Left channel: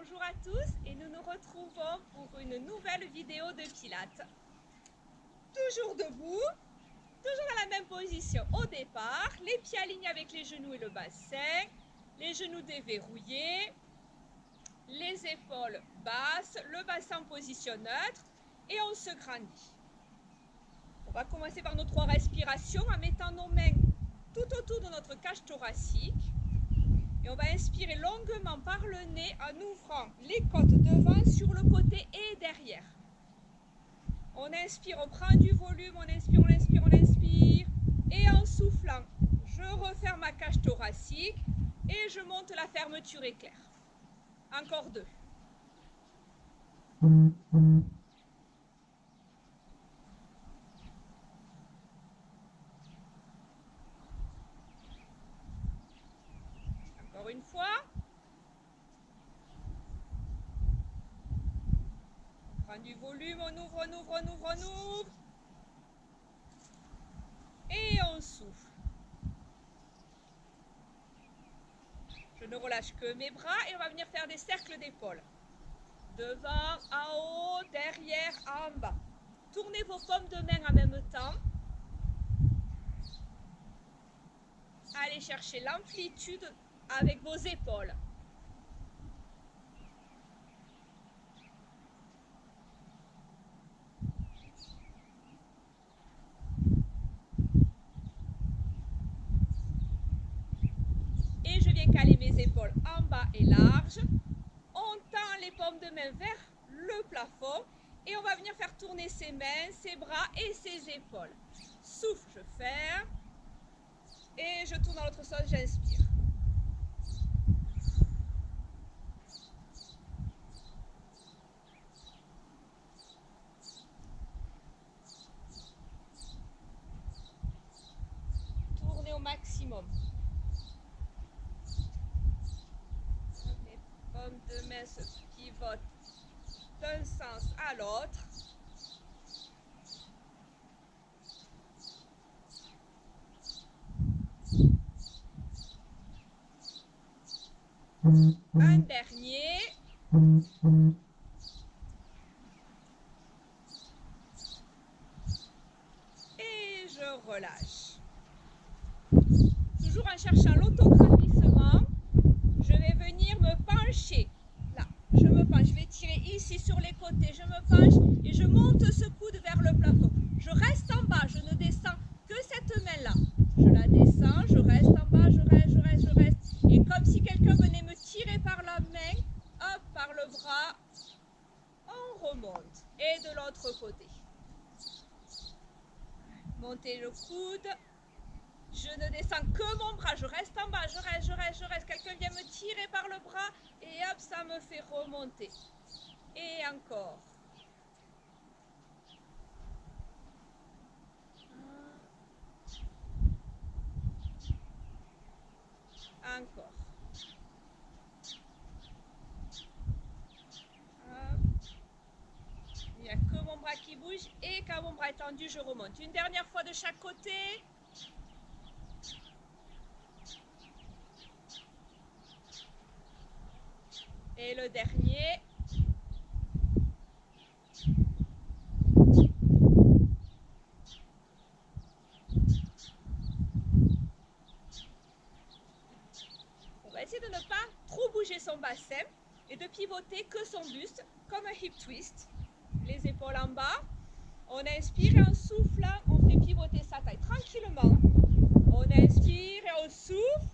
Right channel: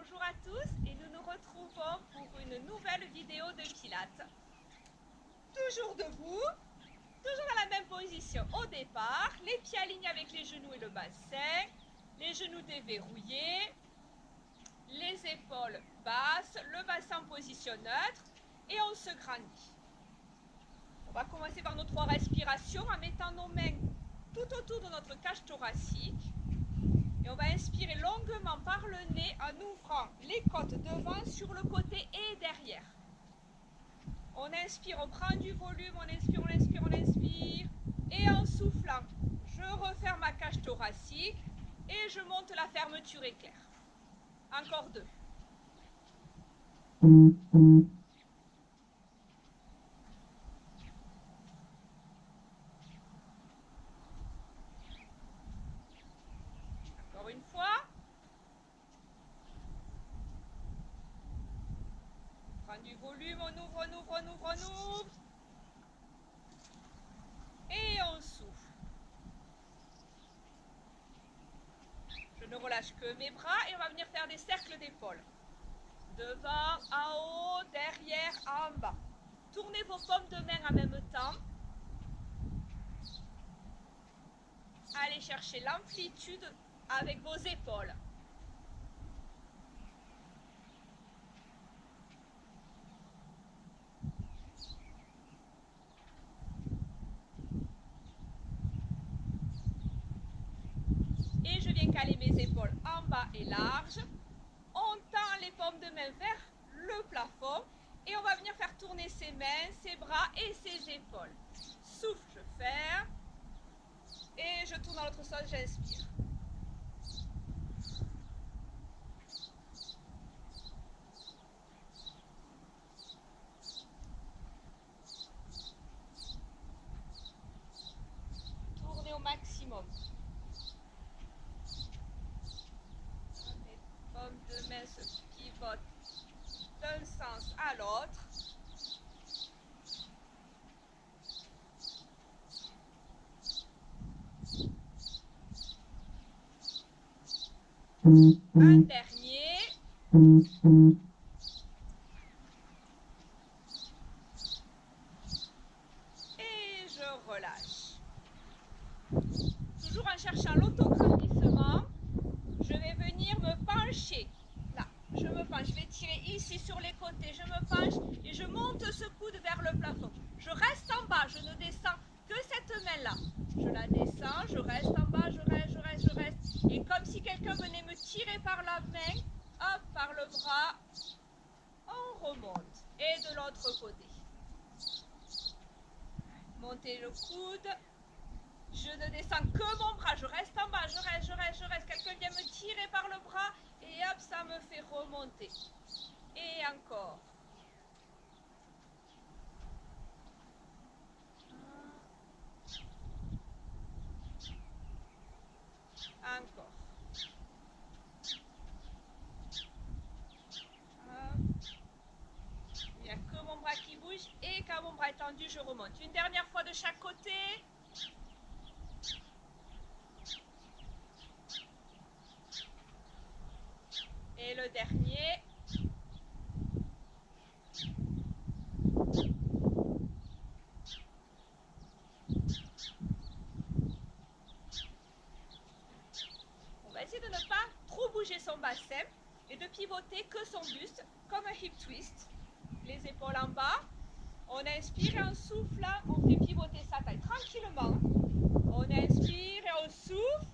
Bonjour à tous et nous nous retrouvons pour une nouvelle vidéo de Pilates. Toujours debout, toujours dans la même position au départ, les pieds alignés avec les genoux et le bassin, les genoux déverrouillés, les épaules basses, le bassin en position neutre et on se grandit. On va commencer par nos 3 respirations en mettant nos mains tout autour de notre cage thoracique. Et on va inspirer longuement par le nez en ouvrant les côtes devant, sur le côté et derrière. On inspire, on prend du volume, on inspire, on inspire, on inspire. Et en soufflant, je referme ma cage thoracique et je monte la fermeture éclair. Encore 2. Encore une fois. On prend du volume, on ouvre, on ouvre, on ouvre, on ouvre. Et on souffle. Je ne relâche que mes bras et on va venir faire des cercles d'épaules. Devant, en haut, derrière, en bas. Tournez vos paumes de main en même temps. Allez chercher l'amplitude avec vos épaules. Et je viens caler mes épaules en bas et larges. On tend les paumes de main vers le plafond. Et on va venir faire tourner ses mains, ses bras et ses épaules. Souffle, je ferme. Et je tourne dans l'autre sens, j'inspire. Tournez au maximum. Mes paumes de main se pivotent d'un sens à l'autre. Un dernier. Et je relâche. Toujours en cherchant l'autograndissement, je vais venir me pencher. Là, je me penche. Je vais tirer ici sur les côtés. Je me penche et je monte ce coude vers le plafond. Je reste en bas. Je ne descends que cette main-là. Je la descends. Je reste en bas. Je reste, je reste, je reste. Et comme si quelqu'un venait me tirer par la main, hop, par le bras, on remonte. Et de l'autre côté. Montez le coude. Je ne descends que mon bras, je reste en bas, je reste, je reste, je reste. Quelqu'un vient me tirer par le bras et hop, ça me fait remonter. Et encore. Encore. Hop. Il n'y a que mon bras qui bouge et quand mon bras est tendu, je remonte. Une dernière fois de chaque côté. Et le dernier. On va essayer de ne pas trop bouger son bassin et de pivoter que son buste comme un hip twist. Les épaules en bas. On inspire et en soufflant, on fait pivoter sa taille tranquillement. On inspire et on souffle.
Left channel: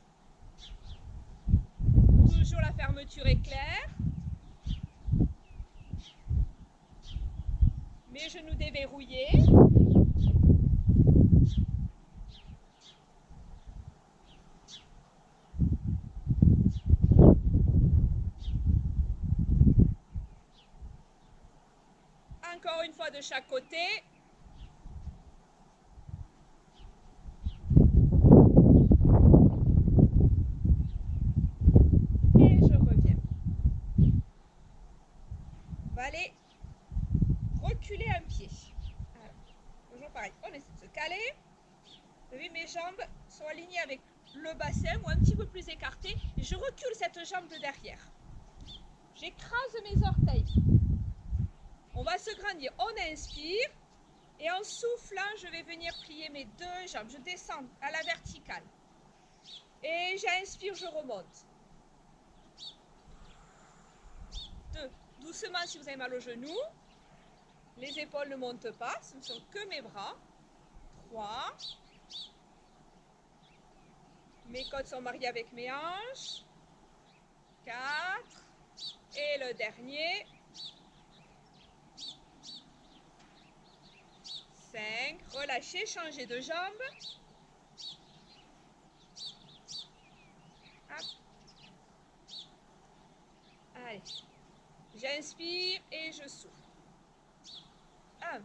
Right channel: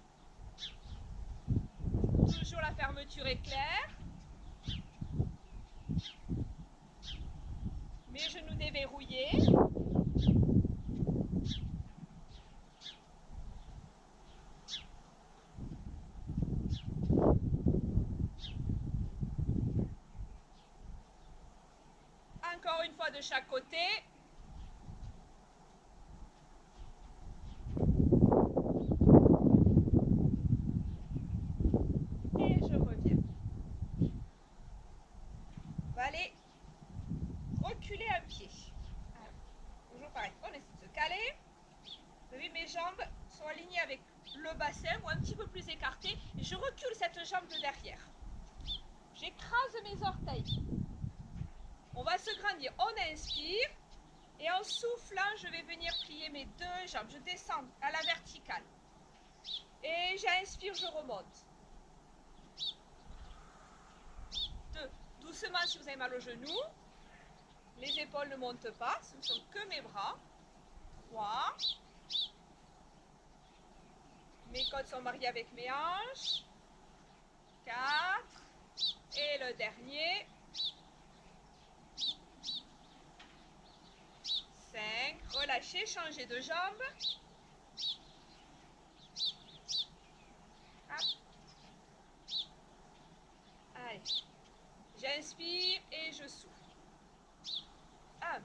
Toujours la fermeture éclair. Mes genoux déverrouillés. Encore une fois de chaque côté. Et je reviens. On va aller reculer un pied. Alors, toujours pareil, on essaie de se caler. Vous voyez, mes jambes sont alignées avec le bassin ou un petit peu plus écartées. Et je recule cette jambe de derrière. J'écrase mes orteils. On va se grandir. On inspire. Et en soufflant, je vais venir plier mes deux jambes. Je descends à la verticale. Et j'inspire, je remonte. 2. Doucement si vous avez mal au genou. Les épaules ne montent pas. Ce ne sont que mes bras. 3. Mes côtes sont mariées avec mes hanches. 4. Et le dernier. 5. Relâchez, changez de jambe. Hop. Allez. J'inspire et je souffle. 1.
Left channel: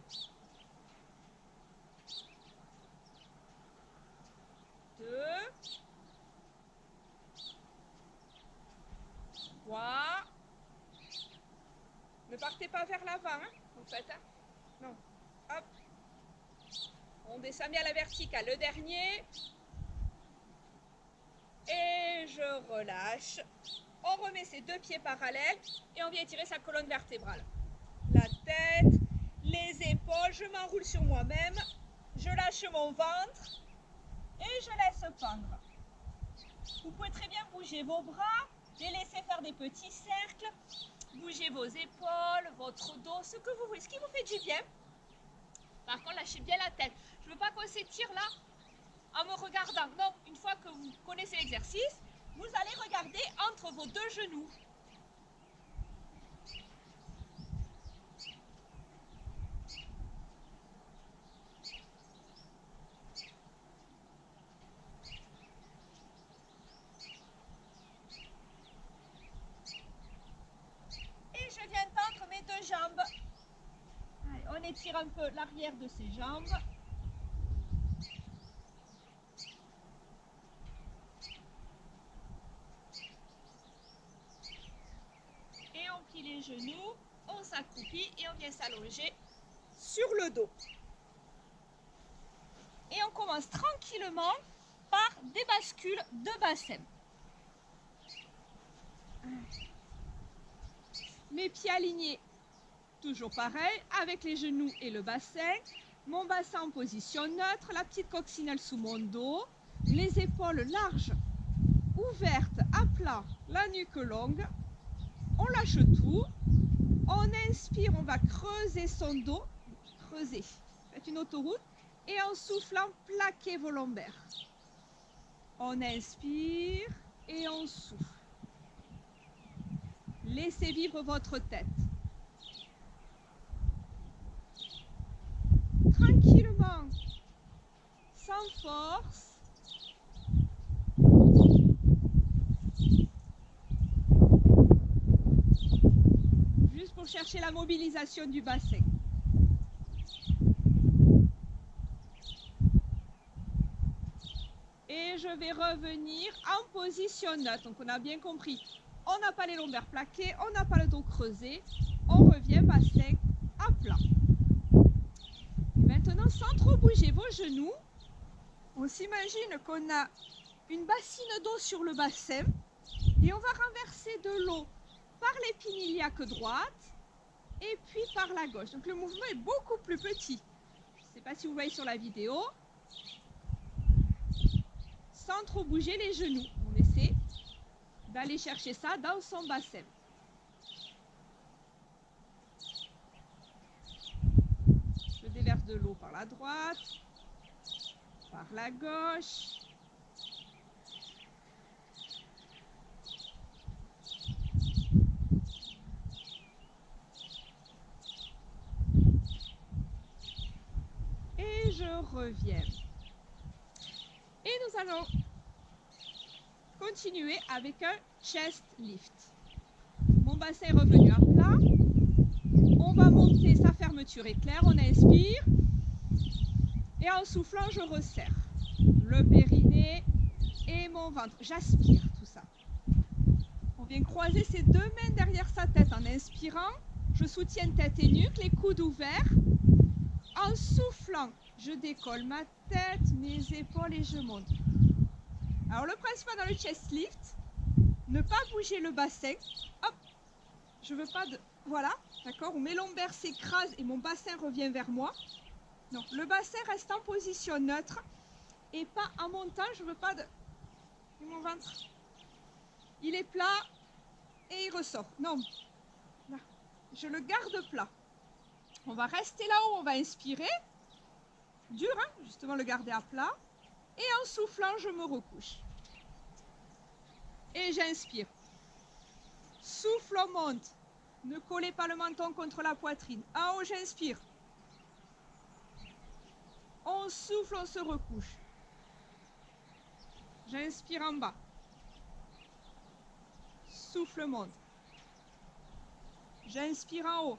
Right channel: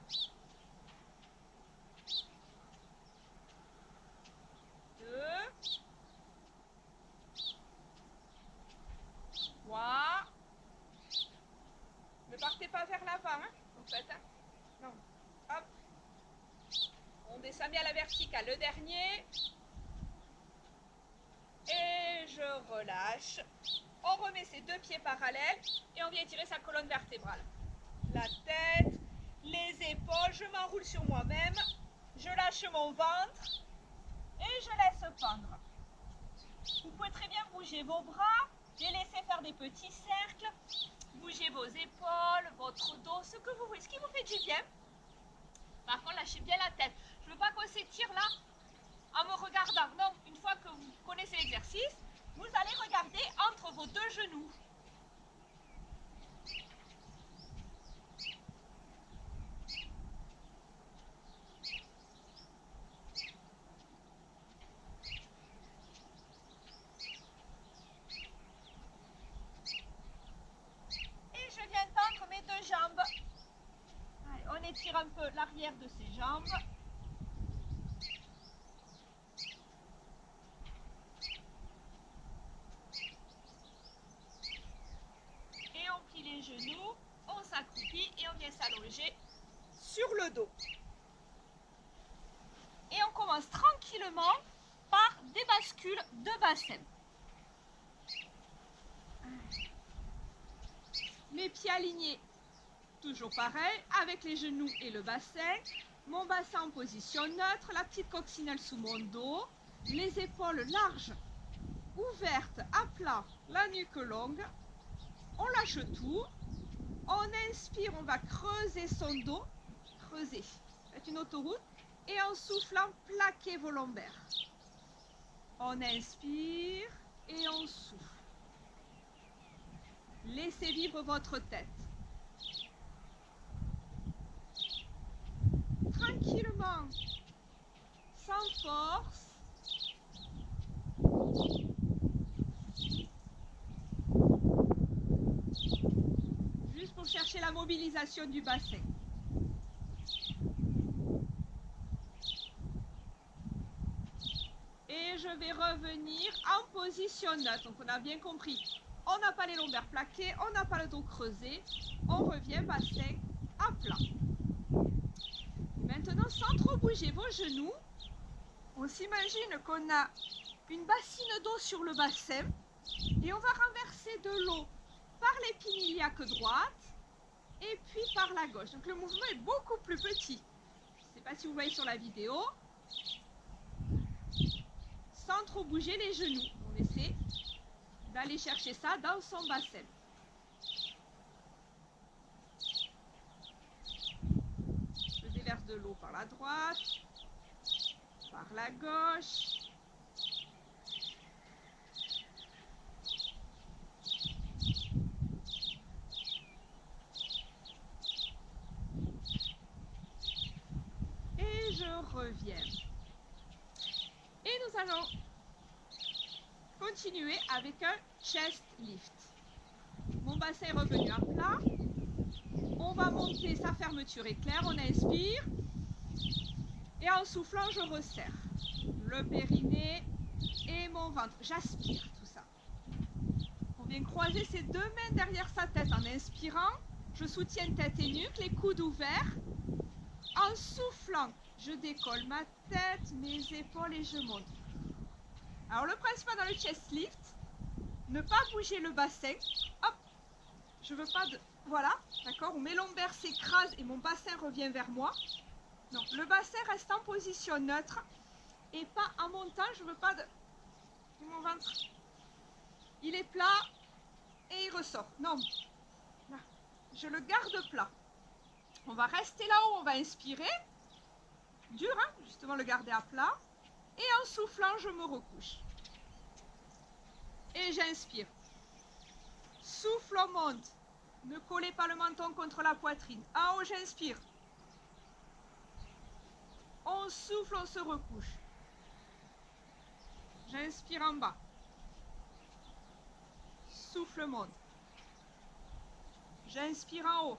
2. 3. Ne partez pas vers l'avant. Hein. Donc faites un. Non. Hop. On descend bien à la verticale. Le dernier. Et je relâche. On remet ses deux pieds parallèles et on vient étirer sa colonne vertébrale. La tête, les épaules, je m'enroule sur moi-même. Je lâche mon ventre et je laisse pendre. Vous pouvez très bien bouger vos bras, les laisser faire des petits cercles. Bougez vos épaules, votre dos, ce que vous voulez, ce qui vous fait du bien. Par contre, lâchez bien la tête. Je ne veux pas qu'on s'étire là en me regardant. Non, une fois que vous connaissez l'exercice, vous allez regarder entre vos deux genoux. Et je viens tendre mes deux jambes. Allez, on étire un peu l'arrière de ses jambes. Et on plie les genoux, on s'accroupit et on vient s'allonger sur le dos. Et on commence tranquillement par des bascules de bassin. Mes pieds alignés, toujours pareil, avec les genoux et le bassin. Mon bassin en position neutre, la petite coccinelle sous mon dos, les épaules larges, ouvertes, à plat, la nuque longue. On lâche tout. On inspire, on va creuser son dos. Creuser. Faites une autoroute. Et en soufflant, plaquez vos lombaires. On inspire et on souffle. Laissez vivre votre tête. Tranquillement, sans force. Juste pour chercher la mobilisation du bassin. Et je vais revenir en position neutre. Donc on a bien compris, on n'a pas les lombaires plaqués, on n'a pas le dos creusé. On revient bassin à plat. Et maintenant, sans trop bouger vos genoux, on s'imagine qu'on a une bassine d'eau sur le bassin et on va renverser de l'eau par l'épine iliaque droite et puis par la gauche. Donc le mouvement est beaucoup plus petit. Je ne sais pas si vous voyez sur la vidéo. Sans trop bouger les genoux. On essaie d'aller chercher ça dans son bassin. Je déverse de l'eau par la droite, par la gauche. Et je reviens. Et nous allons continuer avec un chest lift. Mon bassin est revenu à plat. On va monter sa fermeture éclair. On inspire. Et en soufflant, je resserre le périnée et mon ventre. J'aspire tout ça. On vient croiser ses deux mains derrière sa tête en inspirant. Je soutiens tête et nuque, les coudes ouverts. En soufflant, je décolle ma tête, mes épaules et je monte. Alors le principal dans le chest lift, ne pas bouger le bassin. Hop. Je veux pas de... Voilà, d'accord, où mes lombaires s'écrasent et mon bassin revient vers moi. Non, le bassin reste en position neutre et pas en montant. Je veux pas de... Et mon ventre, il est plat et il ressort. Non, là, je le garde plat. On va rester là-haut, on va inspirer. Dur, hein, justement le garder à plat. Et en soufflant, je me recouche. Et j'inspire. Souffle, on monte. Ne collez pas le menton contre la poitrine. En haut, j'inspire. On souffle, on se recouche. J'inspire en bas. Souffle, monte. J'inspire en haut.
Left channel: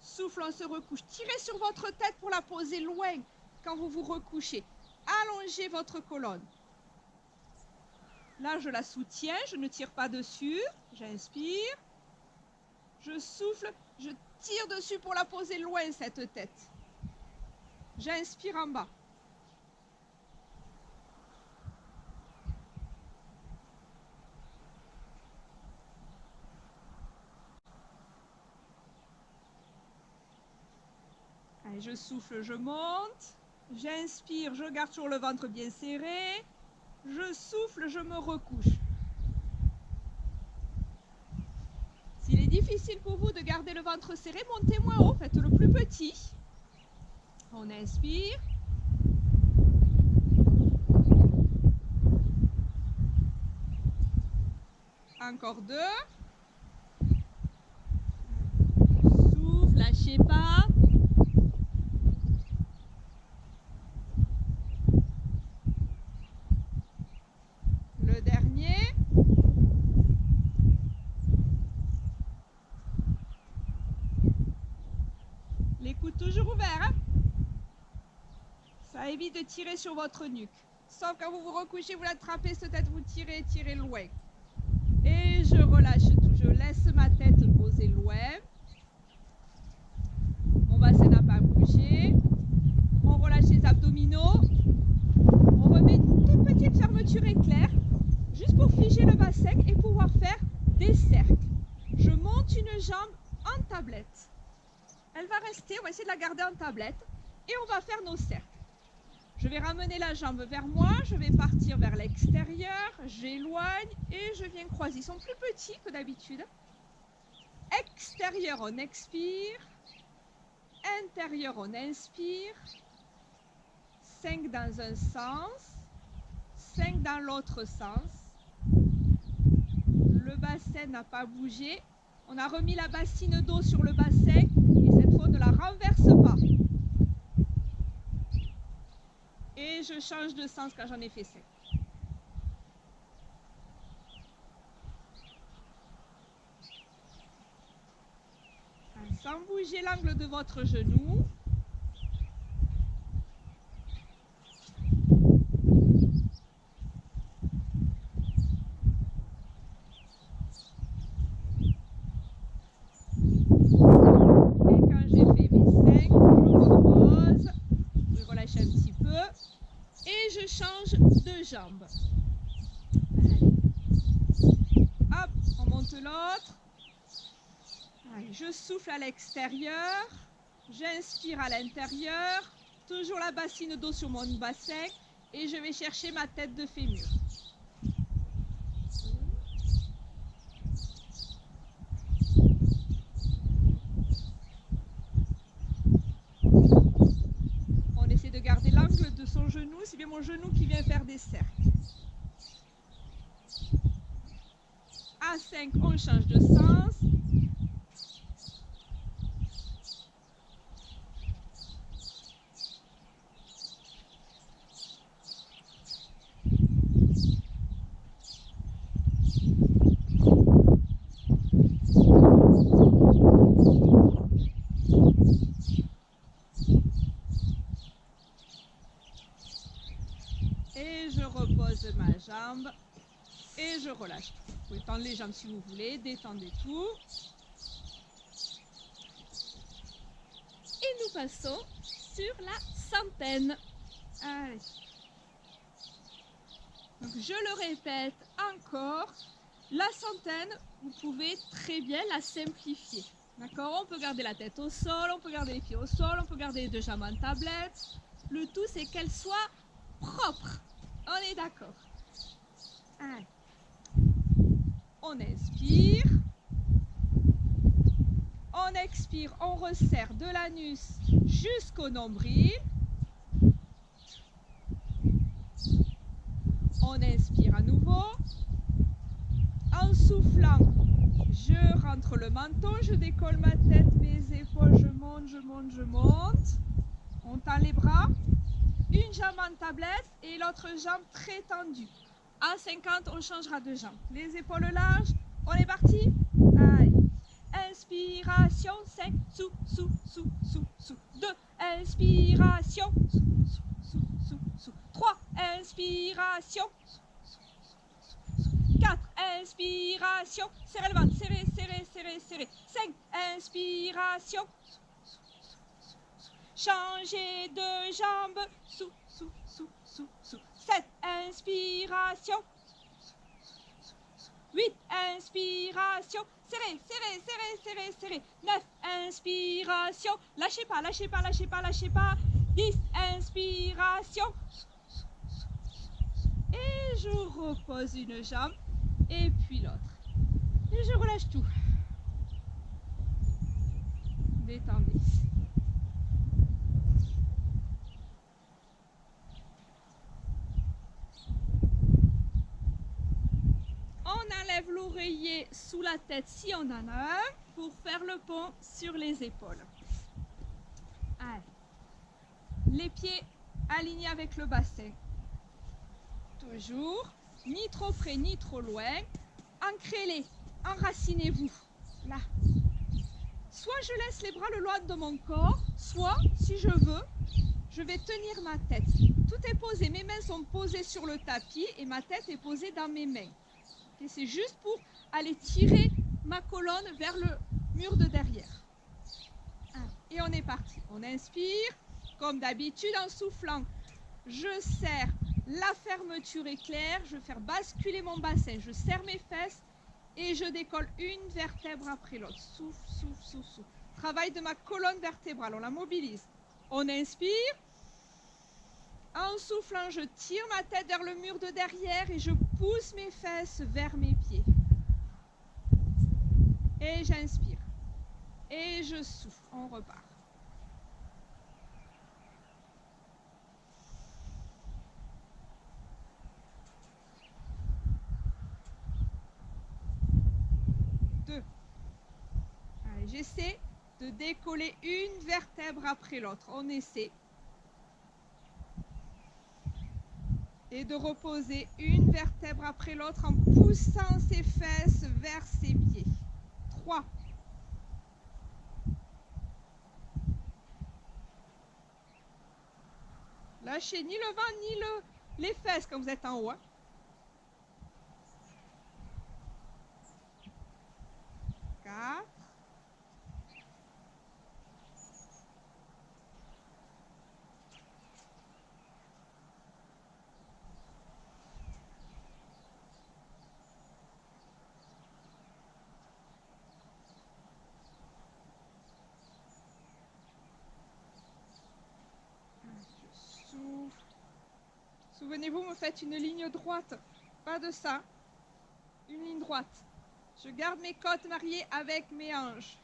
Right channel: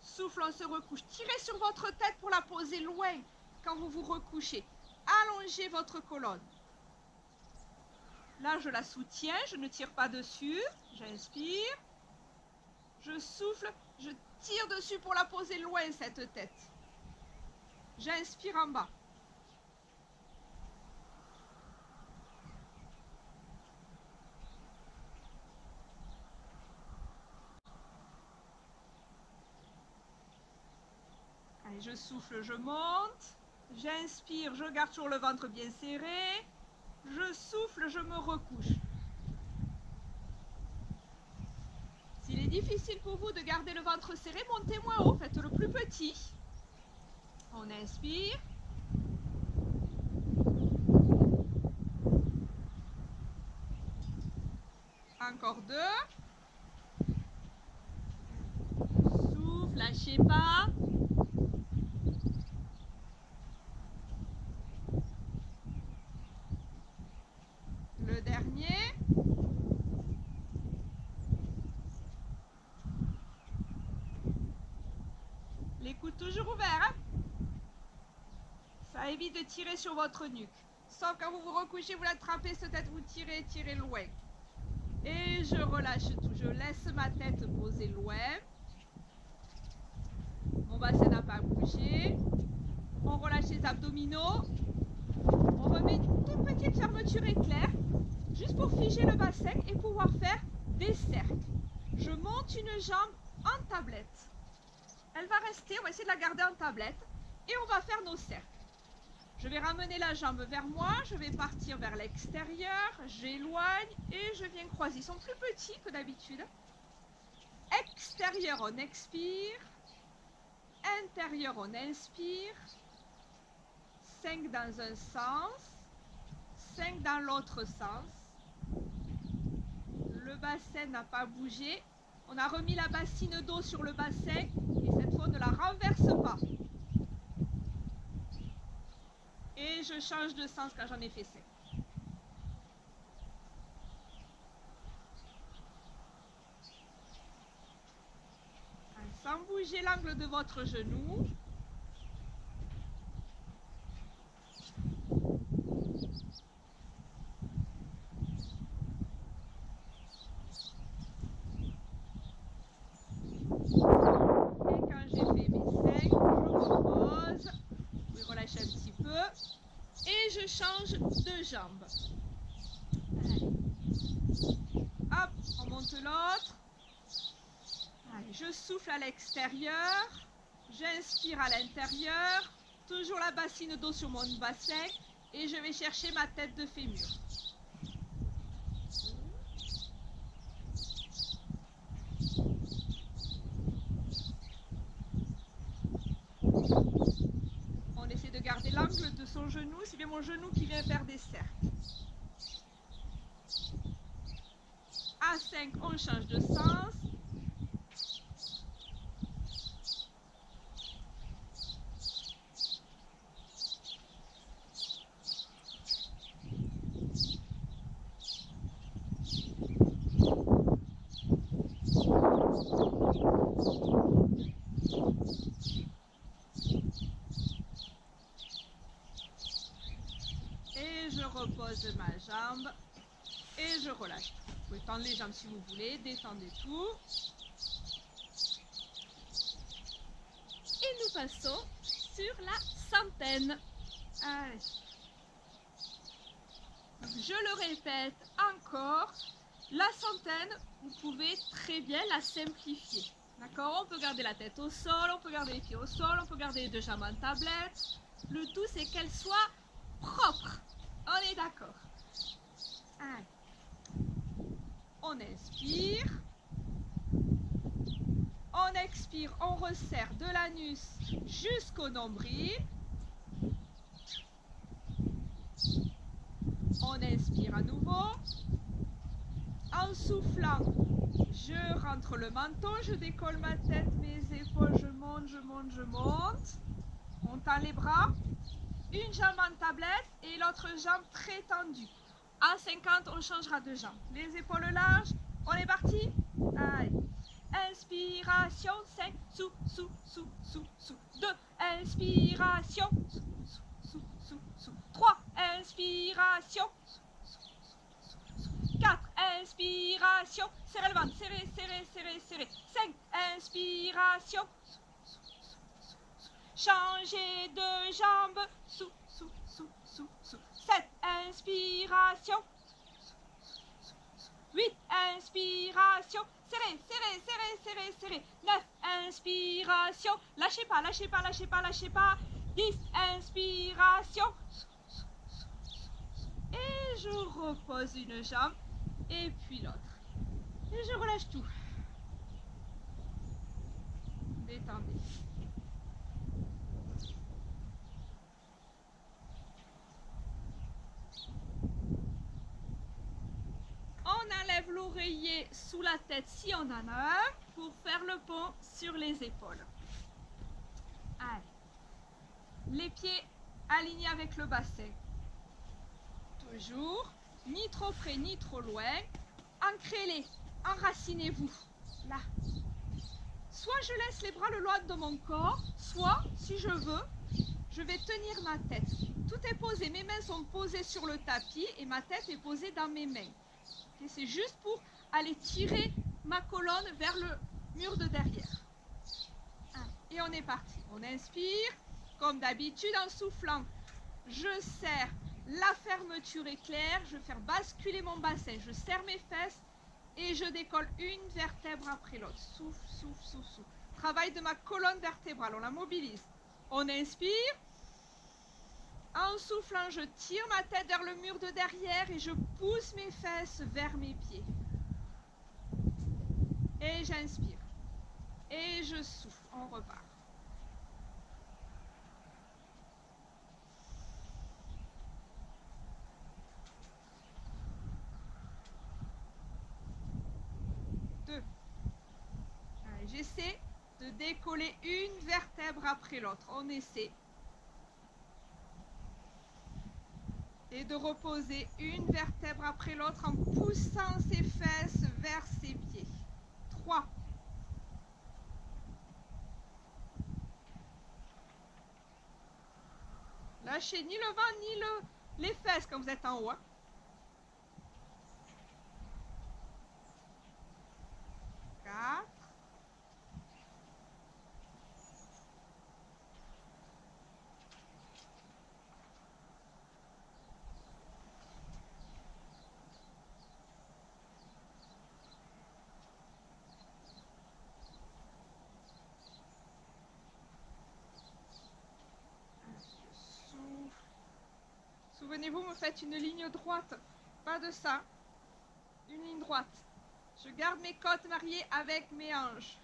Souffle, on se recouche. Tirez sur votre tête pour la poser loin quand vous vous recouchez. Allongez votre colonne. Là, je la soutiens, je ne tire pas dessus. J'inspire. Je souffle, je tire dessus pour la poser loin, cette tête. J'inspire en bas. Allez, je souffle, je monte. J'inspire, je garde toujours le ventre bien serré. Je souffle, je me recouche. S'il est difficile pour vous de garder le ventre serré, montez moins haut, faites-le plus petit. On inspire. Encore 2. Souffle, lâchez pas. Le dernier. Les coudes toujours ouverts. Hein, ça évite de tirer sur votre nuque. Sauf quand vous vous recouchez, vous l'attrapez, cette tête, vous tirez, tirez loin. Et je relâche tout. Je laisse ma tête poser loin. Mon bassin n'a pas bougé. On relâche les abdominaux. On remet une toute petite fermeture éclair, juste pour figer le bassin et pouvoir faire des cercles. Je monte une jambe en tablette. Elle va rester, on va essayer de la garder en tablette. Et on va faire nos cercles. Je vais ramener la jambe vers moi, je vais partir vers l'extérieur, j'éloigne et je viens croiser. Ils sont plus petits que d'habitude. Extérieur, on expire. Intérieur, on inspire. 5 dans un sens. 5 dans l'autre sens. Le bassin n'a pas bougé. On a remis la bassine d'eau sur le bassin et cette fois on ne la renverse pas. Et je change de sens quand j'en ai fait 5. Sans bouger l'angle de votre genou. Et quand j'ai fait mes 5, je repose. Vous pouvez relâcher un petit peu. Et je change de jambe. Allez. Hop, on monte l'autre. Allez, je souffle à l'extérieur. J'inspire à l'intérieur. Toujours la bassine d'eau sur mon bassin. Et je vais chercher ma tête de fémur. On essaie de garder l'angle de son genou. C'est bien mon genou qui vient faire des cercles. À 5, on change de sens. Et je repose ma jambe et je relâche tout. Vous pouvez tendre les jambes si vous voulez, détendez tout. Et nous passons sur la centaine. Allez. Donc je le répète encore, La centaine, vous pouvez très bien la simplifier. D'accord? On peut garder la tête au sol, on peut garder les pieds au sol, on peut garder les deux jambes en tablette. Le tout, c'est qu'elle soit propre. On est d'accord? Allez. On inspire. On expire, on resserre de l'anus jusqu'au nombril. On inspire à nouveau. En soufflant, je rentre le menton, je décolle ma tête, mes épaules, je monte, je monte, je monte. On tend les bras. Une jambe en tablette et l'autre jambe très tendue. À 50, on changera de jambe. Les épaules larges. On est parti? Allez. Inspiration, 5, sous, sous, sous, sous, sous. 2, inspiration, sous, sous, sous, sous, sous. 3, inspiration, sous, sous, sous, sous. 4, inspiration, serrez le ventre, serrez, serrez, serrez, serrez. 5, inspiration, sous, sous, sous, sous, sous. Changez de jambe, sous, sous, sous, sous, sous. 7, inspiration, 8, inspiration, serrez, serrez, serrez, serrez, serrez. 9, inspiration, lâchez pas, lâchez pas, lâchez pas, lâchez pas. 10, inspiration. Et je repose une jambe et puis l'autre. Et je relâche tout. Détendez. On enlève l'oreiller sous la tête si on en a un pour faire le pont sur les épaules. Allez. Les pieds alignés avec le bassin. Toujours. Ni trop près ni trop loin. Ancrez-les. Enracinez-vous. Là. Soit je laisse les bras le long de mon corps, soit, si je veux, je vais tenir ma tête. Tout est posé. Mes mains sont posées sur le tapis et ma tête est posée dans mes mains. Okay, c'est juste pour aller tirer ma colonne vers le mur de derrière. Et on est parti. On inspire, comme d'habitude en soufflant. Je serre, la fermeture est claire. Je vais faire basculer mon bassin. Je serre mes fesses et je décolle une vertèbre après l'autre. Souffle, souffle, souffle, souffle. Travail de ma colonne vertébrale. On la mobilise. On inspire. En soufflant, je tire ma tête vers le mur de derrière et je pousse mes fesses vers mes pieds. Et j'inspire. Et je souffle. On repart. Deux. Allez, j'essaie de décoller une vertèbre après l'autre. On essaie. Et de reposer une vertèbre après l'autre en poussant ses fesses vers ses pieds. 3. Lâchez ni le ventre ni les fesses quand vous êtes en haut. 4. 1. Je souffle. Souvenez-vous, me faites une ligne droite. Pas de ça. Une ligne droite. Je garde mes côtes mariées avec mes hanches.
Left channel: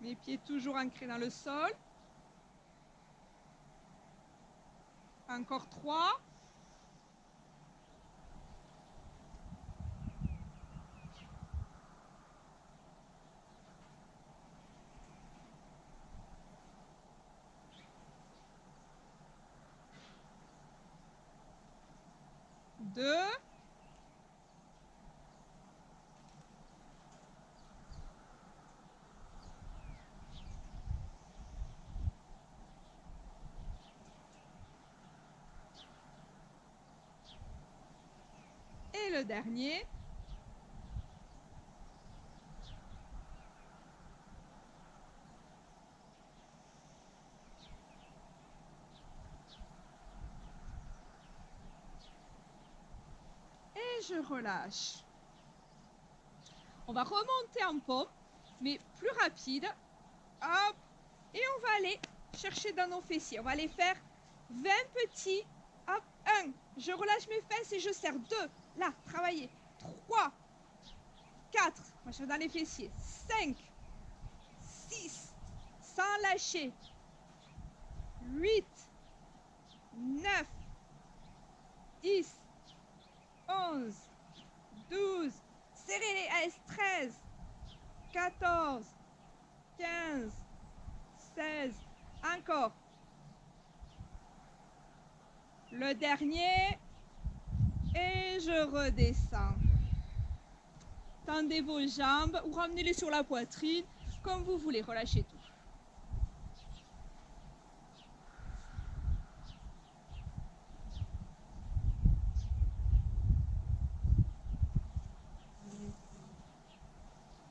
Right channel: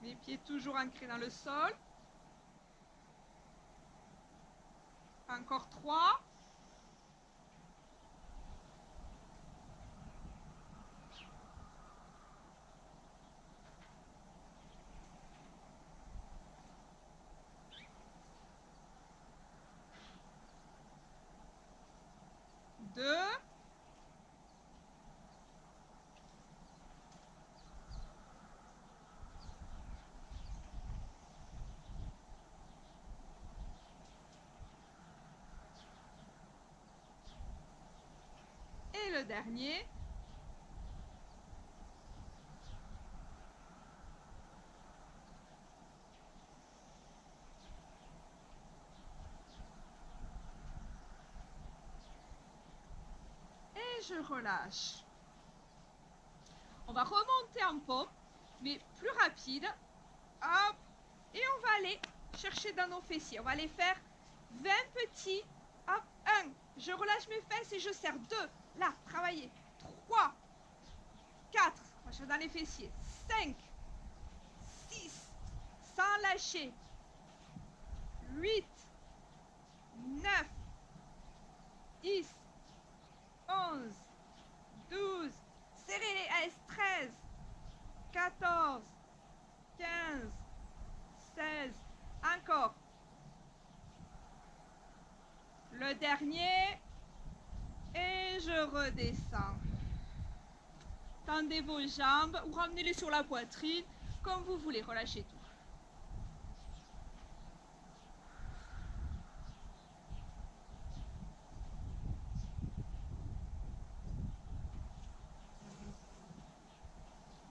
Mes pieds toujours ancrés dans le sol. Encore 3. 2. Et le dernier. je relâche. On va remonter en pompe, mais plus rapide. Hop, et on va aller chercher dans nos fessiers. On va aller faire 20 petits. Hop, 1, je relâche mes fesses et je serre. 2, là, travaillez. 3, 4, on va chercher dans les fessiers. 5, 6, sans lâcher. 8, 9, 10, 11, 12, serrez les S, 13, 14, 15, 16, encore. Le dernier, et je redescends. Tendez vos jambes ou ramenez-les sur la poitrine, comme vous voulez, relâchez tout.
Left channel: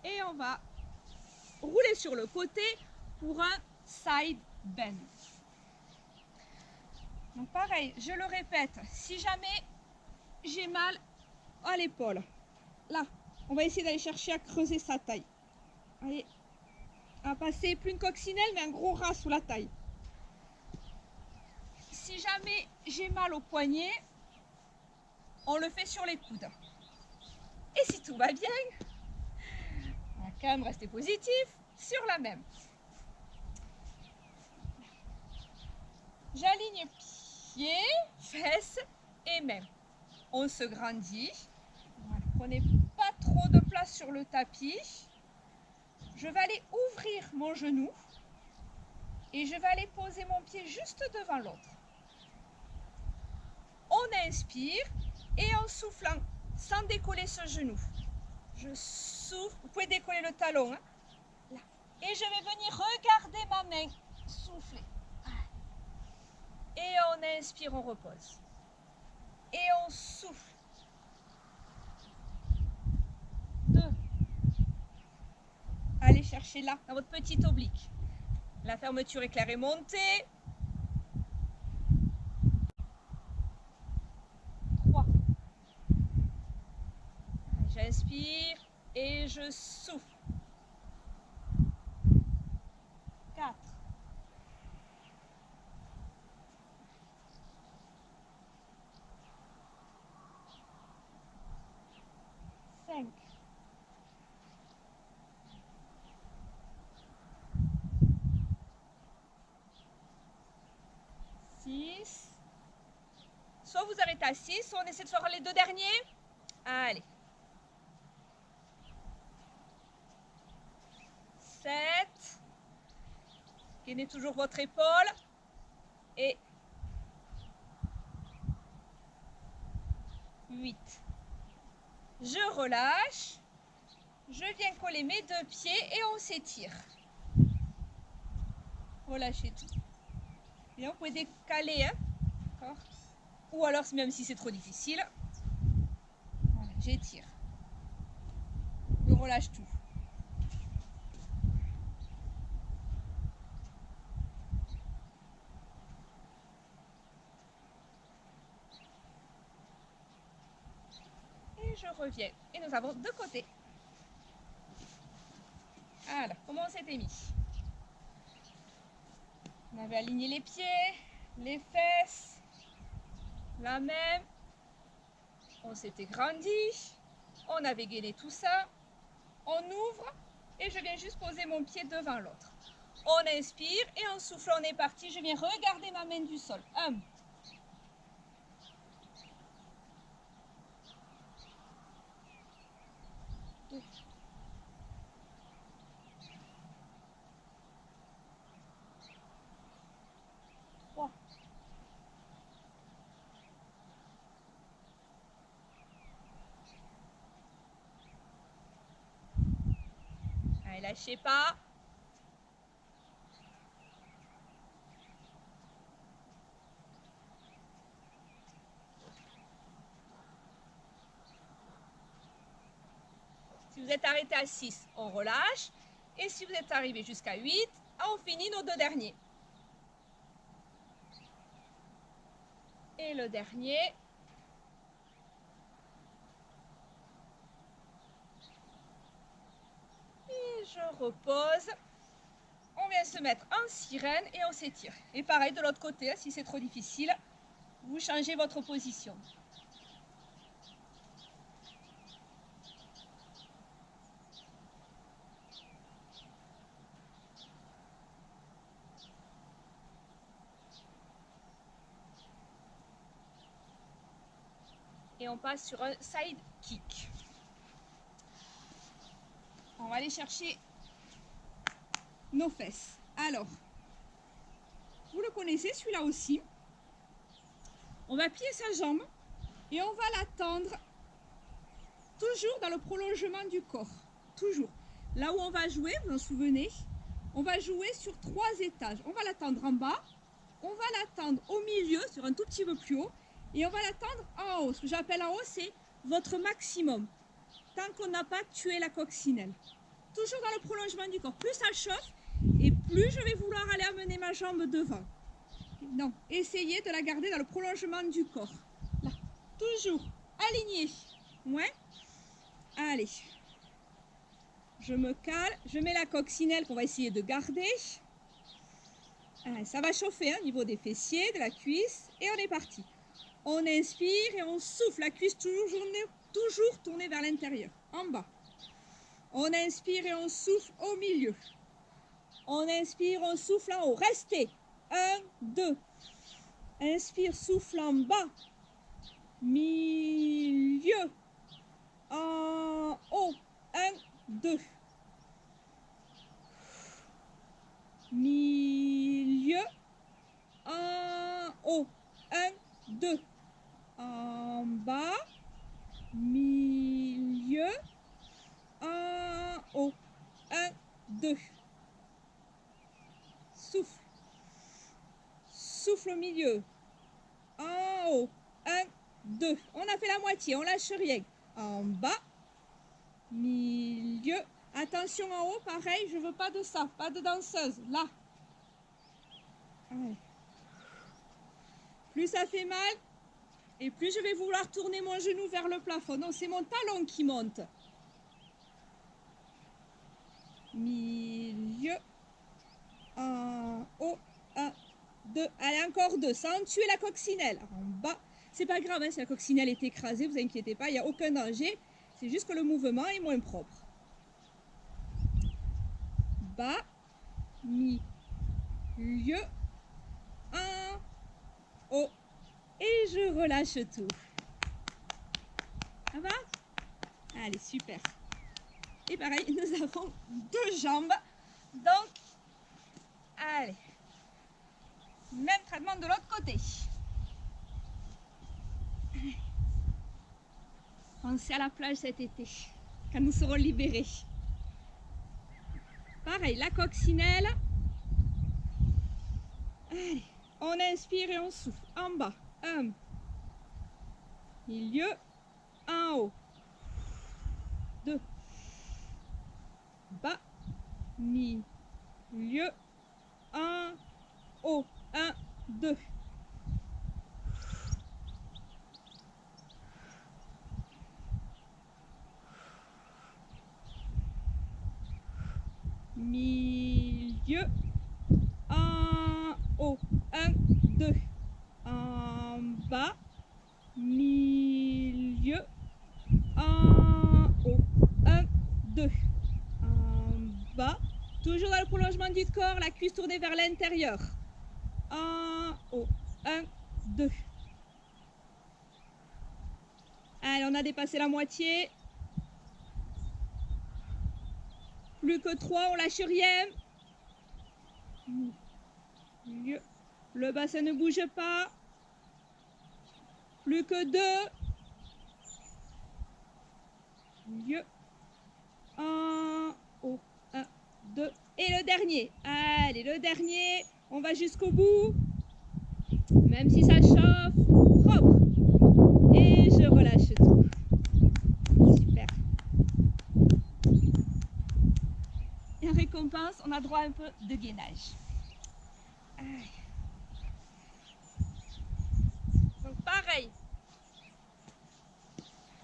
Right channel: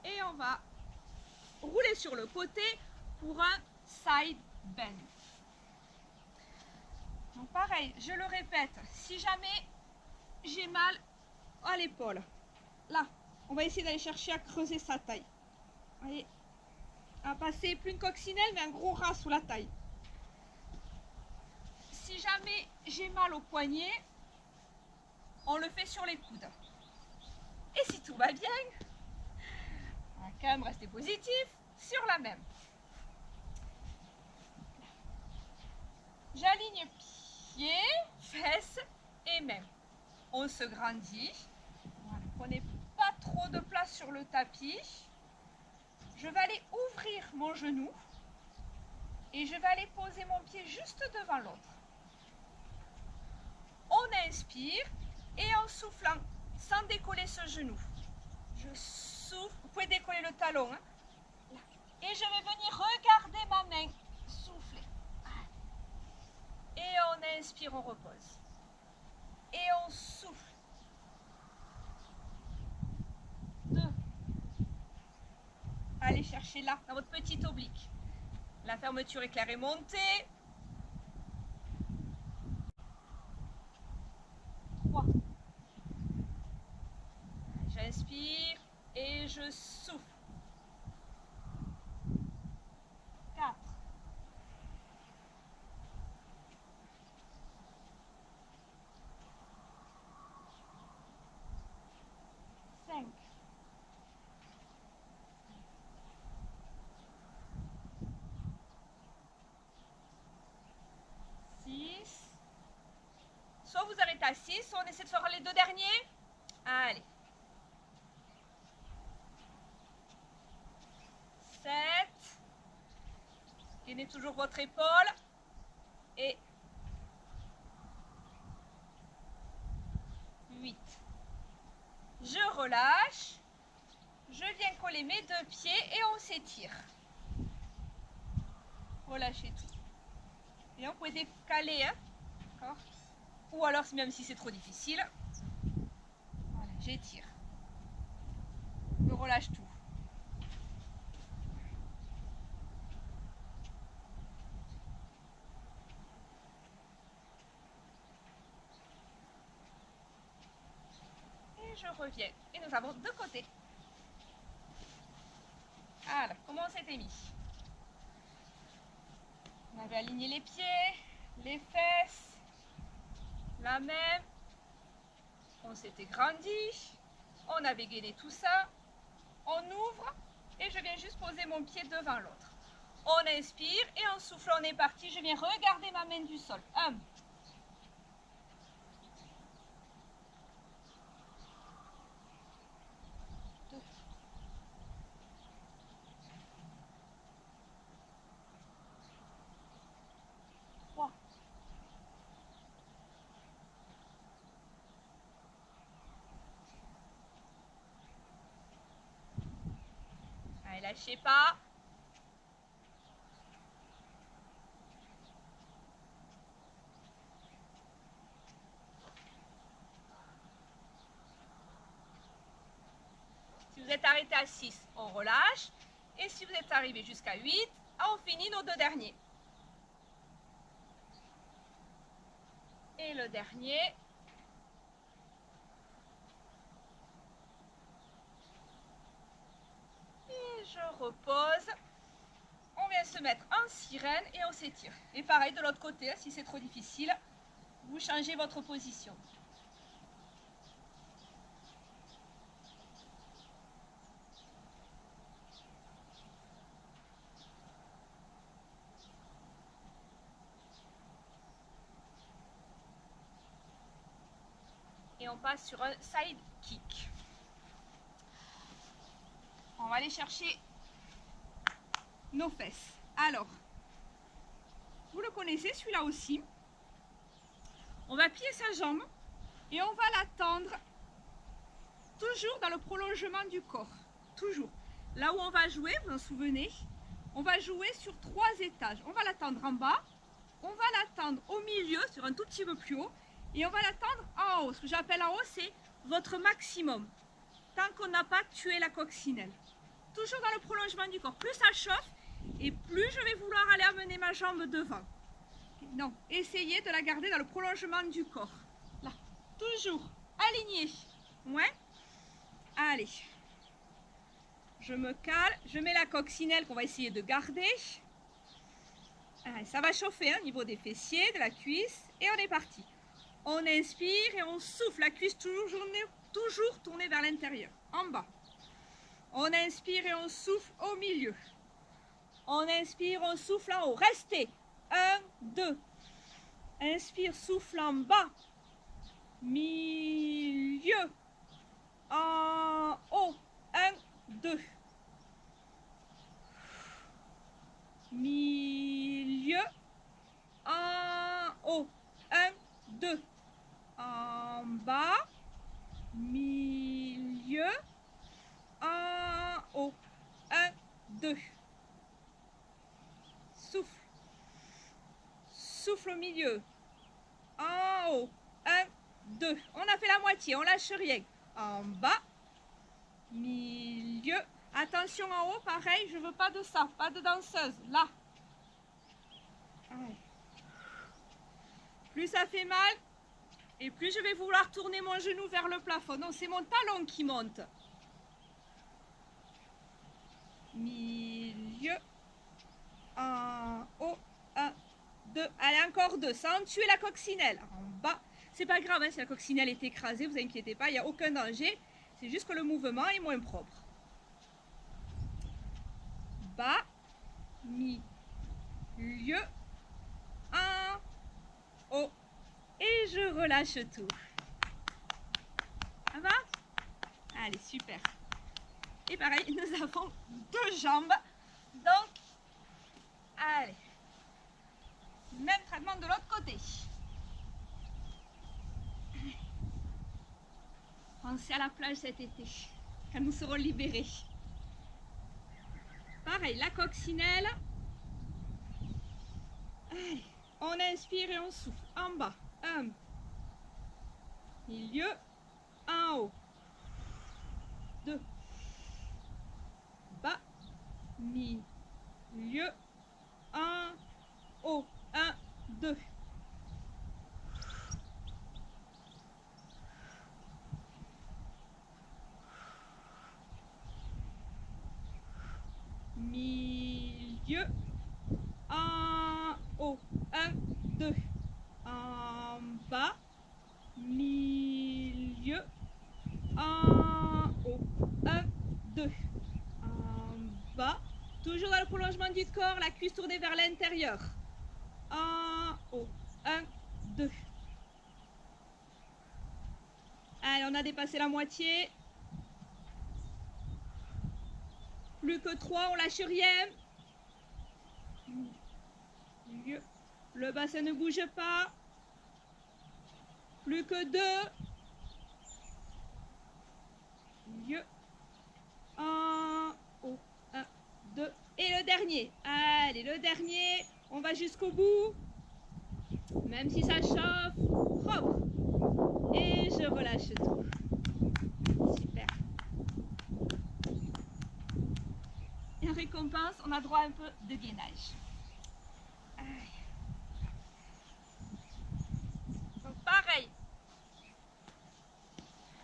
Et on va rouler sur le côté pour un side bend. Donc pareil, je le répète, si jamais j'ai mal à l'épaule, là, on va essayer d'aller chercher à creuser sa taille. Allez, à passer plus une coccinelle, mais un gros ras sous la taille. Si jamais j'ai mal au poignet, on le fait sur les coudes. Et si tout va bien, on va quand même rester positif sur la même. J'aligne pieds, fesses et mains. On se grandit. Voilà. Prenez pas trop de place sur le tapis. Je vais aller ouvrir mon genou et je vais aller poser mon pied juste devant l'autre. On inspire et en soufflant, sans décoller ce genou, je souffle. Vous pouvez décoller le talon. Hein, là. Et je vais venir regarder ma main. Souffler. Et on inspire, on repose. Et on souffle. 2. Allez chercher là, dans votre petite oblique. La fermeture éclair est montée. 3. J'inspire et je souffle. 4. 5. 6. Soit vous arrêtez à 6, soit on essaie de faire les 2 derniers. Allez. 7. Gainez toujours votre épaule. Et 8. Je relâche. Je viens coller mes 2 pieds et on s'étire. Relâchez tout. Et vous pouvez décaler, hein, d'accord. Ou alors, même si c'est trop difficile, voilà, j'étire. Je relâche tout. Et je reviens. Et nous avons 2 côtés. Alors, comment on s'était mis? On avait aligné les pieds, les fesses, la main. On s'était grandi. On avait gainé tout ça. On ouvre et je viens juste poser mon pied devant l'autre. On inspire et en soufflant, on est parti. Je viens regarder ma main du sol. 1. 2. 3. Allez, lâchez pas. Si vous êtes arrêté à 6, on relâche. Et si vous êtes arrivé jusqu'à 8, on finit nos 2 derniers. Et le dernier. je repose. On vient se mettre en sirène et on s'étire. Et pareil de l'autre côté, si c'est trop difficile, vous changez votre position. Et on passe sur un side kick. On va aller chercher nos fesses. Alors, vous le connaissez celui-là aussi. On va plier sa jambe et on va la tendre toujours dans le prolongement du corps. Toujours. Là où on va jouer, vous vous en souvenez, on va jouer sur 3 étages. On va la tendre en bas, on va la tendre au milieu, sur un tout petit peu plus haut, et on va la tendre en haut. Ce que j'appelle en haut, c'est votre maximum. Tant qu'on n'a pas tué la coccinelle. Toujours dans le prolongement du corps. Plus ça chauffe, et plus je vais vouloir aller amener ma jambe devant. Donc, essayez de la garder dans le prolongement du corps. Là, toujours aligné. Ouais. Allez. Je me cale, je mets la coccinelle qu'on va essayer de garder. Allez, ça va chauffer au niveau des fessiers, de la cuisse, et on est parti. On inspire et on souffle, la cuisse toujours tournée vers l'intérieur, en bas. On inspire et on souffle au milieu. On inspire, on souffle en haut. Restez. 1, 2. Inspire, souffle en bas. Milieu. En haut. 1, 2. Milieu. En haut. 1, 2. En bas. Milieu. En haut. 1, 2. Souffle. Souffle au milieu. En haut. 1, 2. On a fait la moitié, on lâche rien. En bas. Milieu. Attention en haut, pareil, je veux pas de ça, pas de danseuse. Là. Allez. Plus ça fait mal, et plus je vais vouloir tourner mon genou vers le plafond. Non, c'est mon talon qui monte. Milieu. En haut. 1, 2. Allez, encore 2. Sans tuer la coccinelle. En bas. C'est pas grave, hein, si la coccinelle est écrasée, vous inquiétez pas, il n'y a aucun danger. C'est juste que le mouvement est moins propre. Bas. Milieu. En haut. Et je relâche tout. Ça va? Allez, super. Et pareil, nous avons 2 jambes. Donc, allez. Même traitement de l'autre côté. Pensez à la plage cet été, quand nous serons libérés. Pareil, la coccinelle. Allez, on inspire et on souffle. En bas, 1. Milieu, en haut. 2. Bas, milieu, en haut. 1, 2. Milieu, en haut. 1, 2. En bas, milieu, en haut. 1, 2. En bas. Toujours dans le prolongement du corps, la cuisse tournée vers l'intérieur. En haut. 1, 2. Allez, on a dépassé la moitié. Plus que 3, on lâche rien. Milieu. Le bassin ne bouge pas. Plus que 2. Milieu. En haut. 1, 2. Et le dernier. Allez, le dernier. On va jusqu'au bout. Même si ça chauffe. Propre. Et je relâche tout. Super. Et en récompense, on a droit à un peu de gainage. Allez. Donc pareil.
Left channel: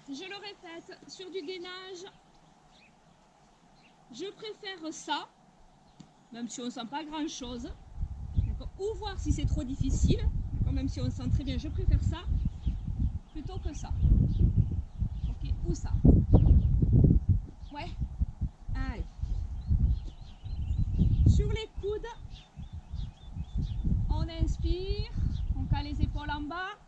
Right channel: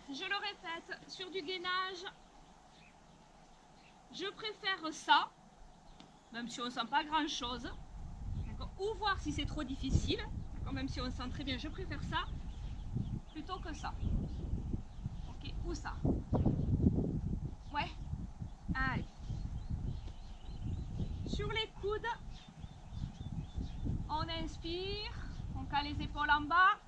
Je le répète, sur du gainage, Je préfère ça, même si on ne sent pas grand chose. Ou voir si c'est trop difficile. Même si on sent très bien, je préfère ça plutôt que ça. Ok, ou ça. Ouais. Allez. Sur les coudes, on inspire, on cale les épaules en bas.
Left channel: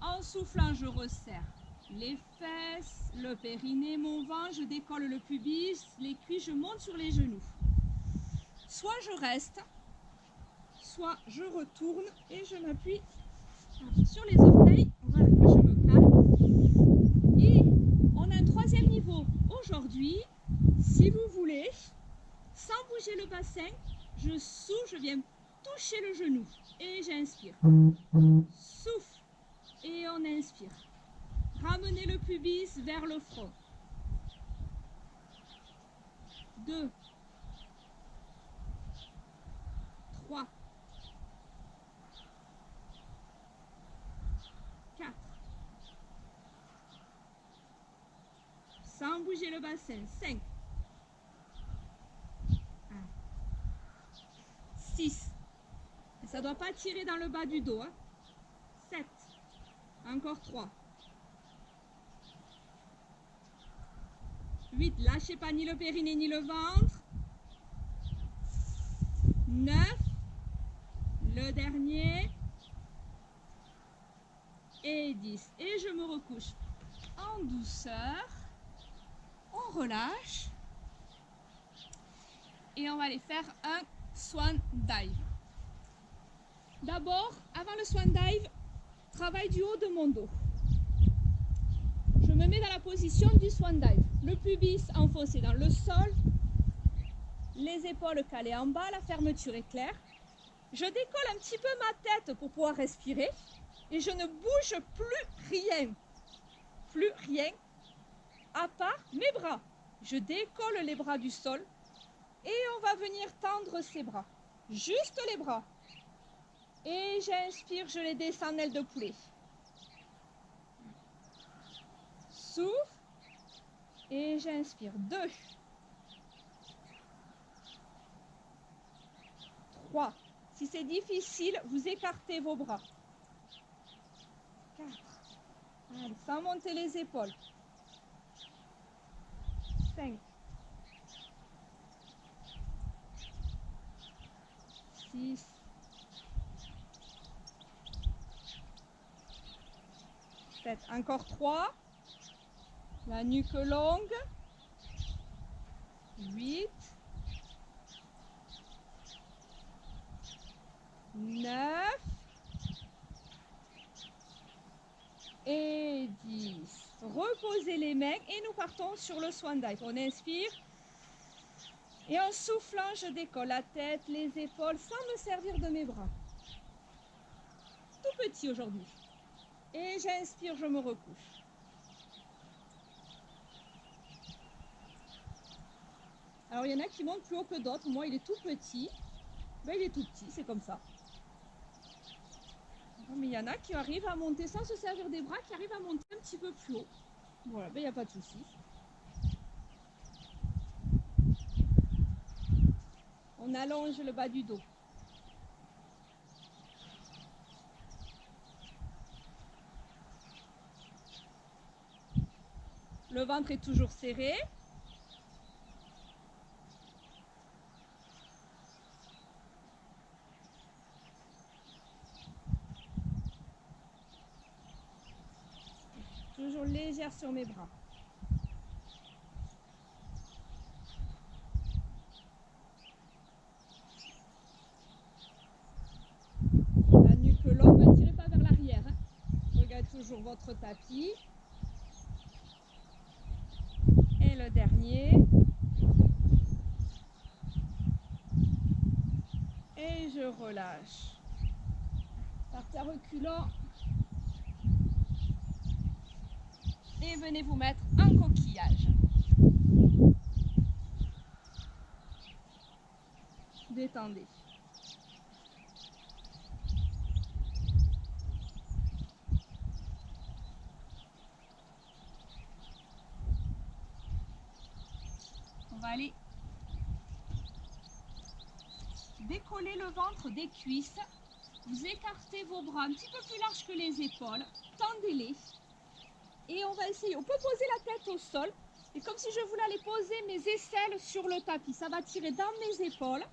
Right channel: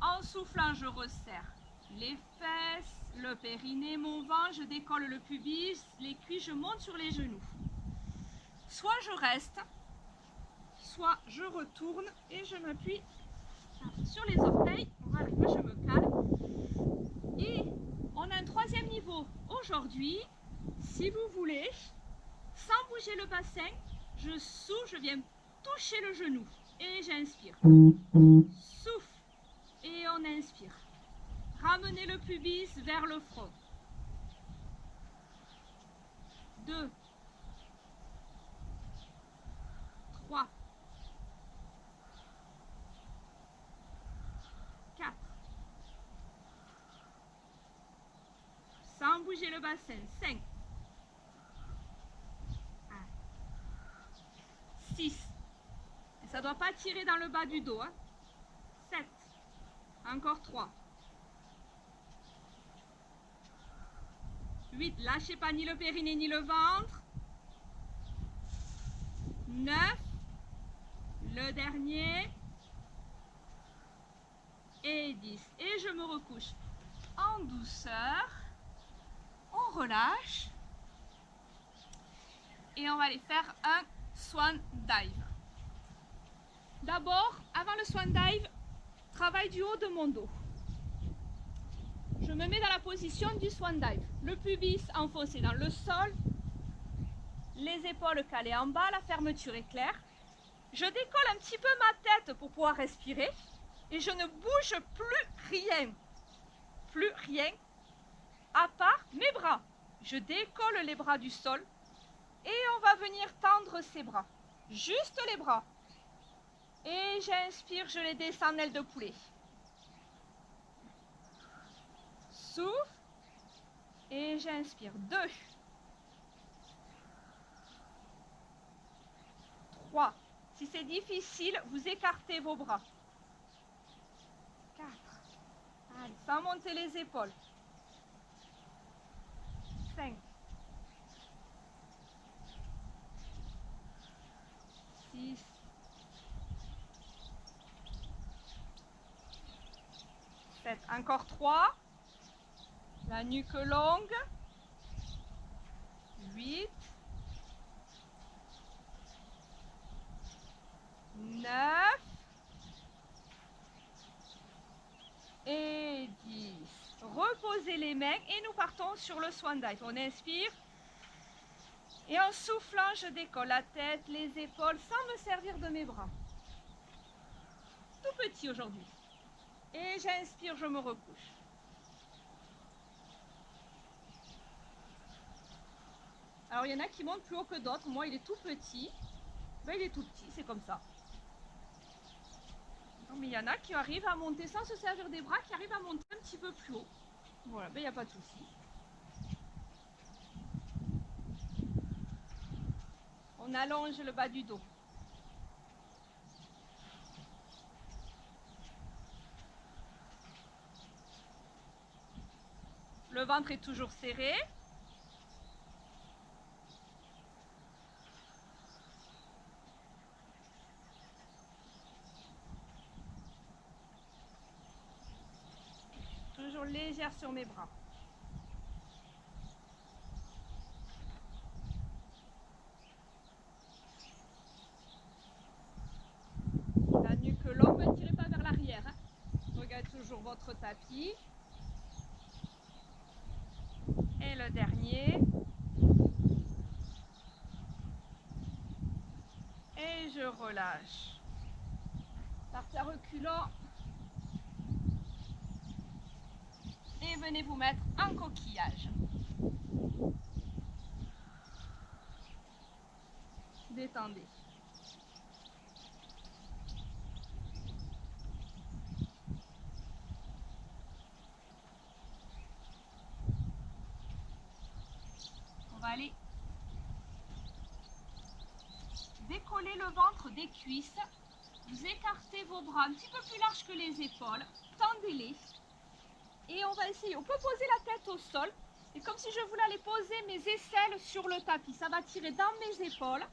En soufflant, je resserre les fesses, le périnée, mon ventre, je décolle le pubis, les cuisses, je monte sur les genoux. Soit je reste, soit je retourne et je m'appuie sur les orteils. Voilà, là je me cale. Et on a un troisième niveau. Aujourd'hui, si vous voulez, sans bouger le bassin, je souffle, je viens toucher le genou et j'inspire. Souffle et on inspire. Ramenez le pubis vers le front. 2, 3, 4. Sans bouger le bassin. 5, 6. Et ça ne doit pas tirer dans le bas du dos. 7. Encore 3. 8. Lâchez pas ni le périnée ni le ventre. 9. Le dernier. Et 10. Et je me recouche en douceur. On relâche. Et on va aller faire un swan dive. D'abord, avant le swan dive, travail du haut de mon dos. Je me mets dans la position du swan dive. Le pubis enfoncé dans le sol, les épaules calées en bas, la fermeture est claire. Je décolle un petit peu ma tête pour pouvoir respirer et je ne bouge plus rien, à part mes bras. Je décolle les bras du sol et on va venir tendre ses bras, juste les bras. Et j'inspire, je les descends en aile de poulet. Souffle et j'inspire. 2, 3. Si c'est difficile, vous écartez vos bras. 4. Allez, sans monter les épaules. 5. 6. 7. Encore 3. La nuque longue. 8. 9. Et 10. Reposez les mains et nous partons sur le swan dive. On inspire. Et en soufflant, je décolle la tête, les épaules, sans me servir de mes bras. Tout petit aujourd'hui. Et j'inspire, je me recouche. Alors, il y en a qui montent plus haut que d'autres. Moi, il est tout petit. Ben, il est tout petit, c'est comme ça. Mais il y en a qui arrivent à monter sans se servir des bras, qui arrivent à monter un petit peu plus haut. Voilà, ben, il n'y a pas de souci. On allonge le bas du dos. Le ventre est toujours serré. Toujours légère sur mes bras. La nuque longue, ne tirez pas vers l'arrière. Regardez toujours votre tapis. Et le dernier. Et je relâche. Partez à reculant. Et venez vous mettre en coquillage. Détendez. allez décoller le ventre des cuisses. Vous écartez vos bras un petit peu plus larges que les épaules. Tendez-les. Et on va essayer. On peut poser la tête au sol. Et comme si je voulais aller poser mes aisselles sur le tapis. Ça va tirer dans mes épaules.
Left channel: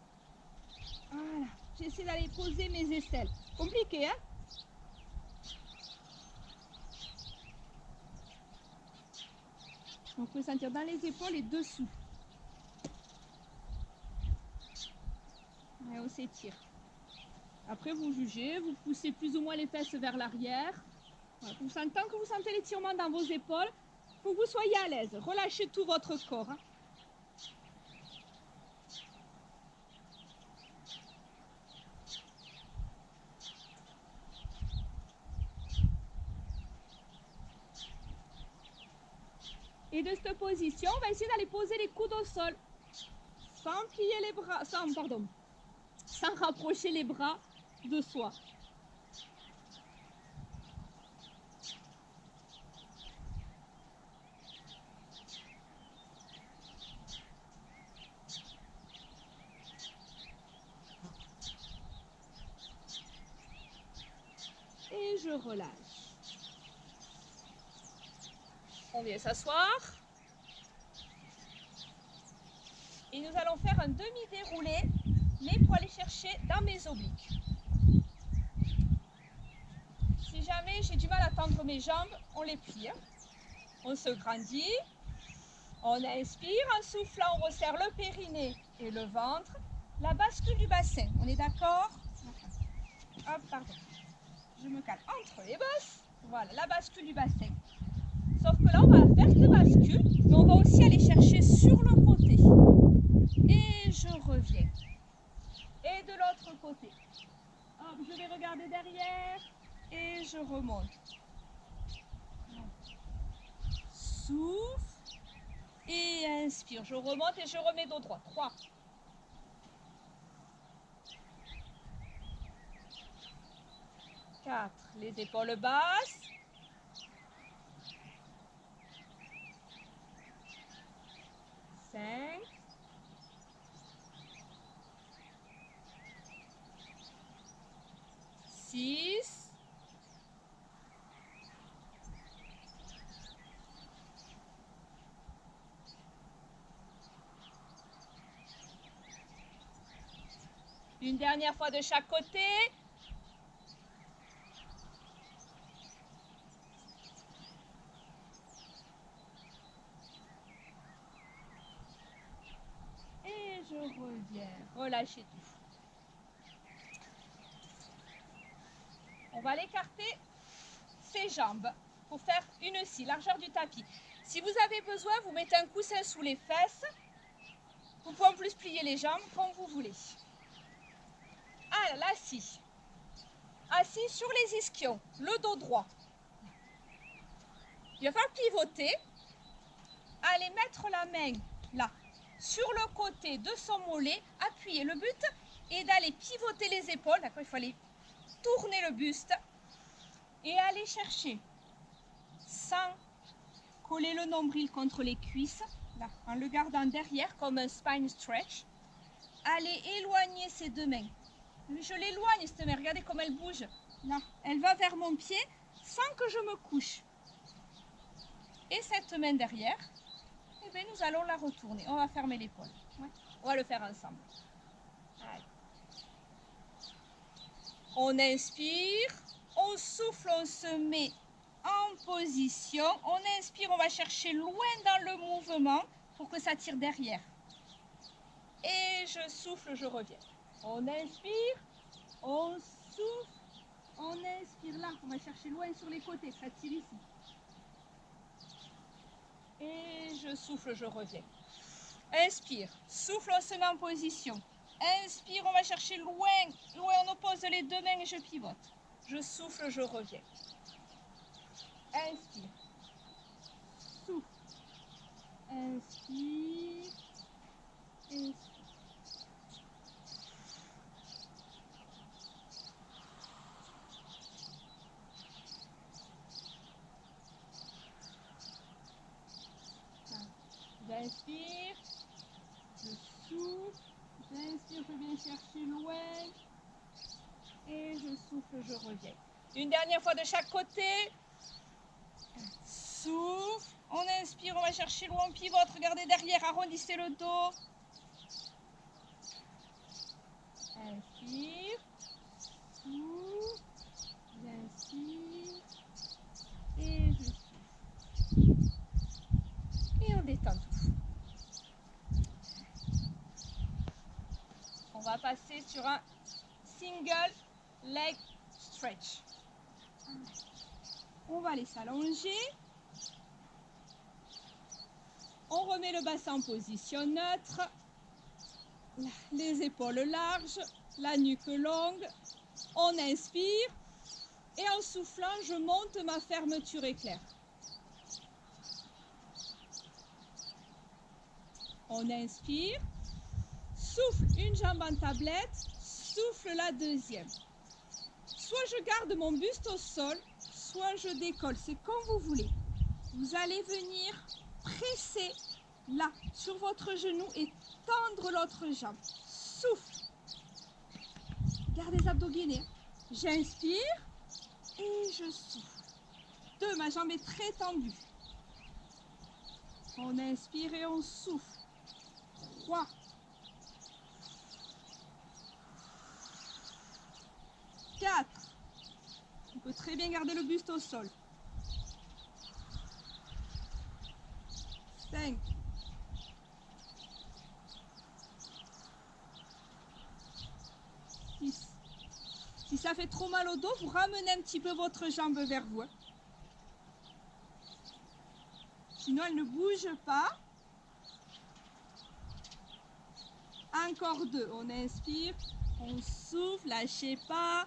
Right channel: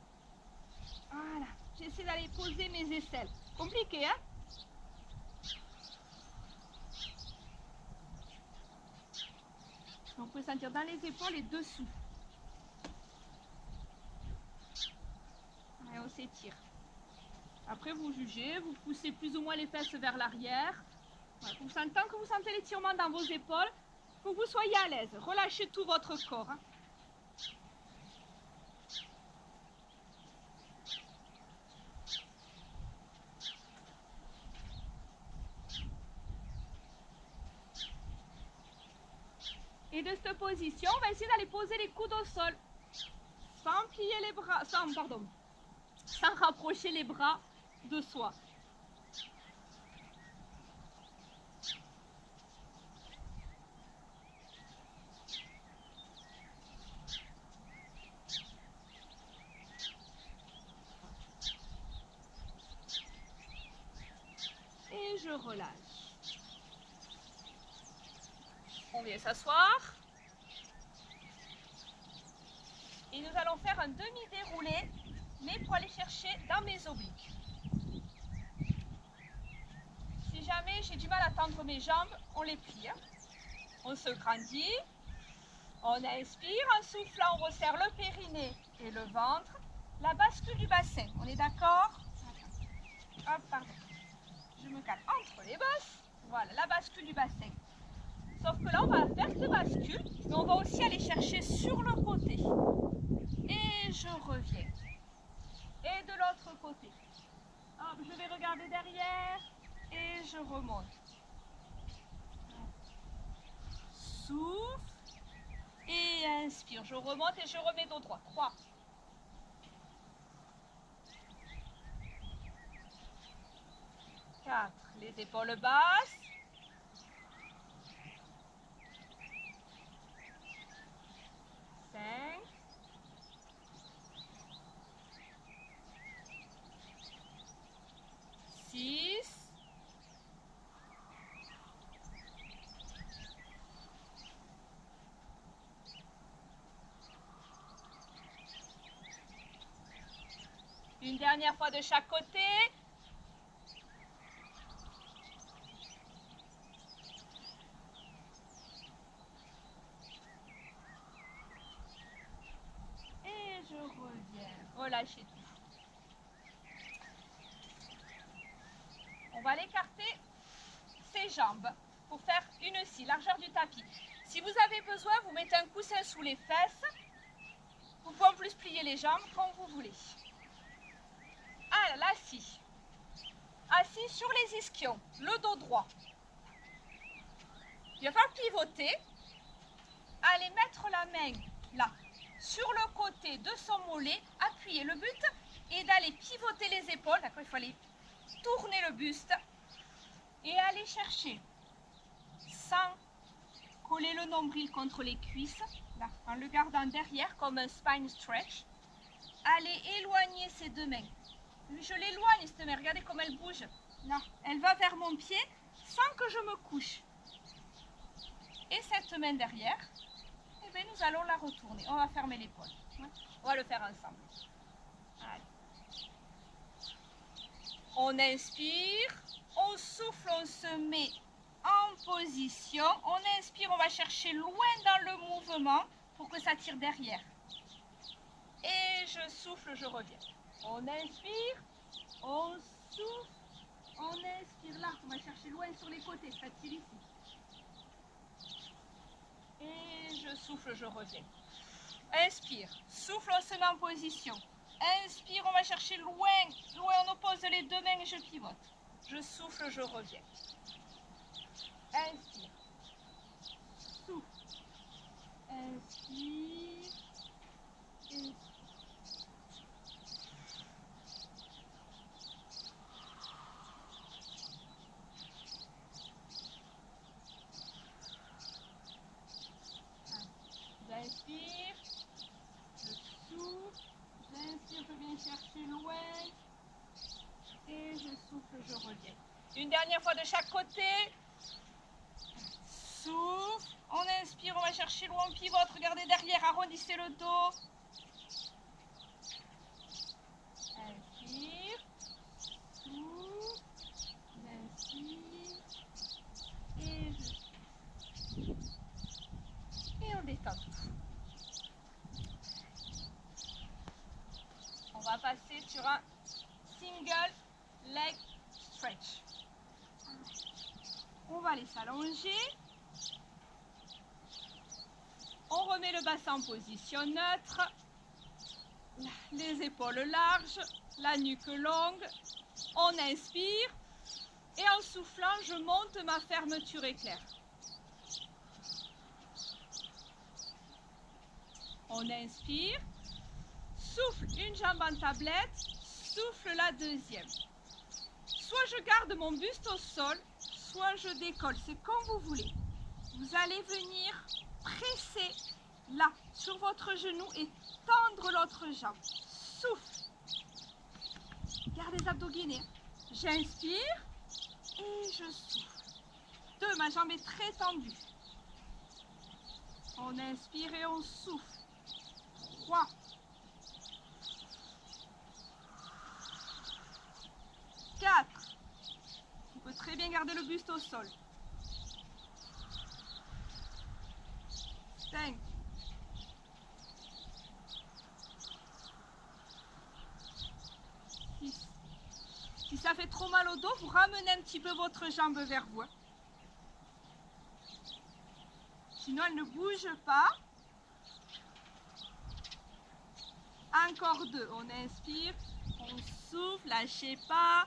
Voilà. J'essaie d'aller poser mes aisselles. Compliqué, hein? Donc, vous pouvez sentir dans les épaules et dessous. Et on s'étire. Après, vous jugez, vous poussez plus ou moins les fesses vers l'arrière. Voilà, tant que vous sentez l'étirement dans vos épaules, il faut que vous soyez à l'aise. Relâchez tout votre corps. Hein. Et de cette position, on va essayer d'aller poser les coudes au sol. Sans plier les bras, sans rapprocher les bras de soi. Et je relâche. On vient s'asseoir. Et nous allons faire un demi-déroulé, mais pour aller chercher dans mes obliques. Si jamais j'ai du mal à tendre mes jambes, on les plie. On se grandit. On inspire, en soufflant, on resserre le périnée et le ventre. La bascule du bassin, on est d'accord? Hop, pardon. Je me cale entre les bosses. Voilà, la bascule du bassin. Sauf que là, on va faire cette bascule, mais on va aussi aller chercher sur le côté. Et je reviens. Et de l'autre côté. Hop, je vais regarder derrière et je remonte. Souffle. Et inspire. Je remonte et je remets dos droit. 3. 4. Les épaules basses. 5. 6. 1 dernière fois de chaque côté. Et je reviens. Relâchez tout. On va l'écarter ses jambes pour faire une scie, largeur du tapis. Si vous avez besoin, vous mettez un coussin sous les fesses. Vous pouvez en plus plier les jambes comme vous voulez. Ah, la scie. Assis sur les ischions, le dos droit. Il va falloir pivoter. Allez mettre la main là, sur le côté de son mollet, appuyer. Le but est d'aller pivoter les épaules. D'accord, il faut aller tourner le buste et aller chercher sans coller le nombril contre les cuisses, là, en le gardant derrière comme un spine stretch. Allez éloigner ses deux mains. Je l'éloigne cette main, regardez comme elle bouge. Là, elle va vers mon pied sans que je me couche. Et cette main derrière, eh bien, nous allons la retourner. On va fermer l'épaule. Ouais. On va le faire ensemble. Allez. On inspire, on souffle, on se met en position. On inspire, on va chercher loin dans le mouvement pour que ça tire derrière. Et je souffle, je reviens. On inspire, on souffle, on inspire là. On va chercher loin sur les côtés, ça tire ici. Et je souffle, je reviens. Inspire, souffle, on se met en position. Inspire, on va chercher loin, loin, on oppose les deux mains et je pivote. Je souffle, je reviens. Inspire, souffle, inspire, inspire. J'inspire, J'inspire, je viens chercher loin. Et je souffle, je reviens. Une dernière fois de chaque côté. Souffle. On inspire, on va chercher loin, on pivote. Regardez derrière, arrondissez le dos. Inspire. Souffle. J'inspire. Et je souffle. Et on détend tout. On va passer sur un single leg stretch. On va les s'allonger. On remet le bassin en position neutre. Les épaules larges, la nuque longue. On inspire. Et en soufflant, je monte ma fermeture éclair. On inspire. Souffle une jambe en tablette. Souffle la deuxième. Soit je garde mon buste au sol, soit je décolle. C'est comme vous voulez. Vous allez venir presser là, sur votre genou et tendre l'autre jambe. Souffle. Gardez les abdos gainés. J'inspire et je souffle. 2, ma jambe est très tendue. On inspire et on souffle. 3. 4. On peut très bien garder le buste au sol. 5. 6. Si ça fait trop mal au dos, vous ramenez un petit peu votre jambe vers vous. Sinon, elle ne bouge pas. Encore 2. On inspire, on souffle, lâchez pas.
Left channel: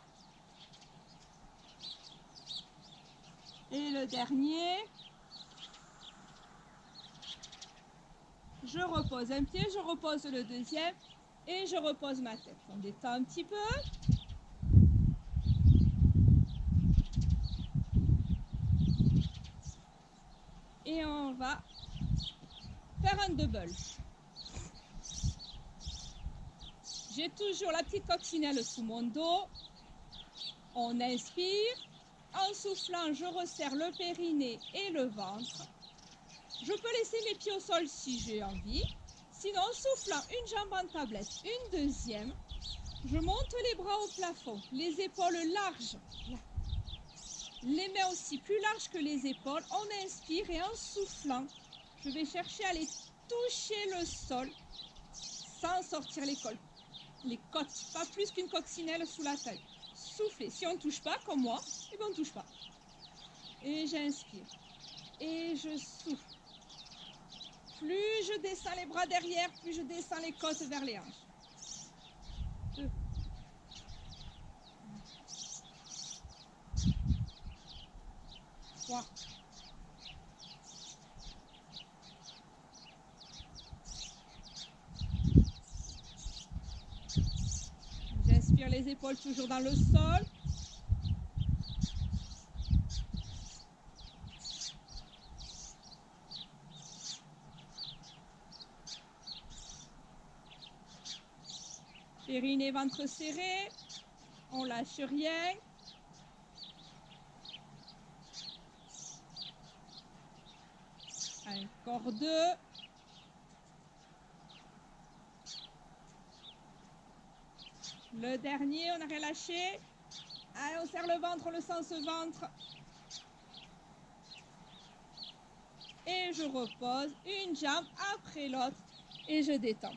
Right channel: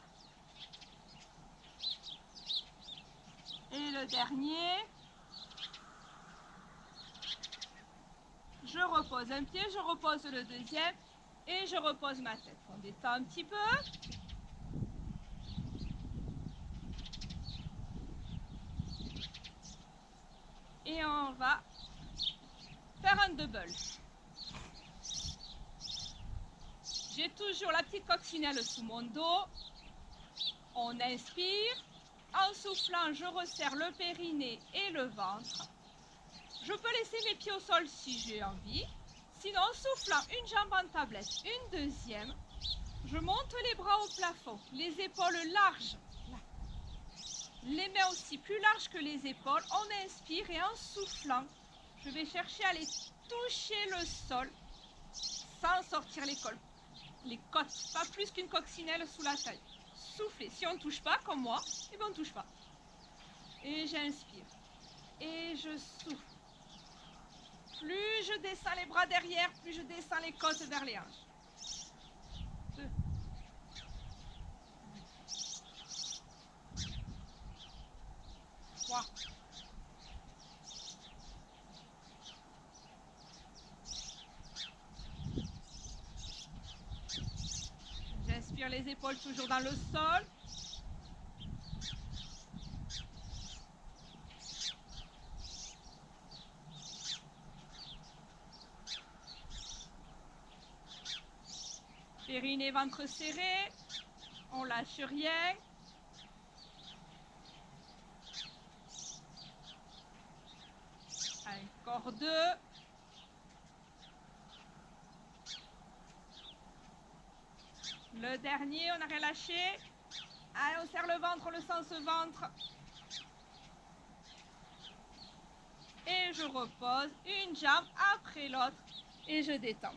Et le dernier. Je repose un pied, je repose le deuxième et je repose ma tête. On détend un petit peu. Et on va faire un double. J'ai toujours la petite coccinelle sous mon dos. On inspire. En soufflant, je resserre le périnée et le ventre. Je peux laisser mes pieds au sol si j'ai envie. Sinon, en soufflant, une jambe en tablette, une deuxième. Je monte les bras au plafond, les épaules larges. Là. Les mains aussi plus larges que les épaules. On inspire et en soufflant, je vais chercher à aller toucher le sol sans sortir les côtes. Pas plus qu'une coccinelle sous la taille. Soufflez. Si on ne touche pas, comme moi, eh bien on ne touche pas. Et j'inspire. Et je souffle. Plus je descends les bras derrière, plus je descends les côtes vers les hanches. 2. 3. 4. J'inspire les épaules toujours dans le sol. Périnée, ventre serré. On lâche rien. Encore 2. Le dernier, on n'a rien lâché. Allez, on serre le ventre, le sens ventre. Et je repose une jambe après l'autre et je détends.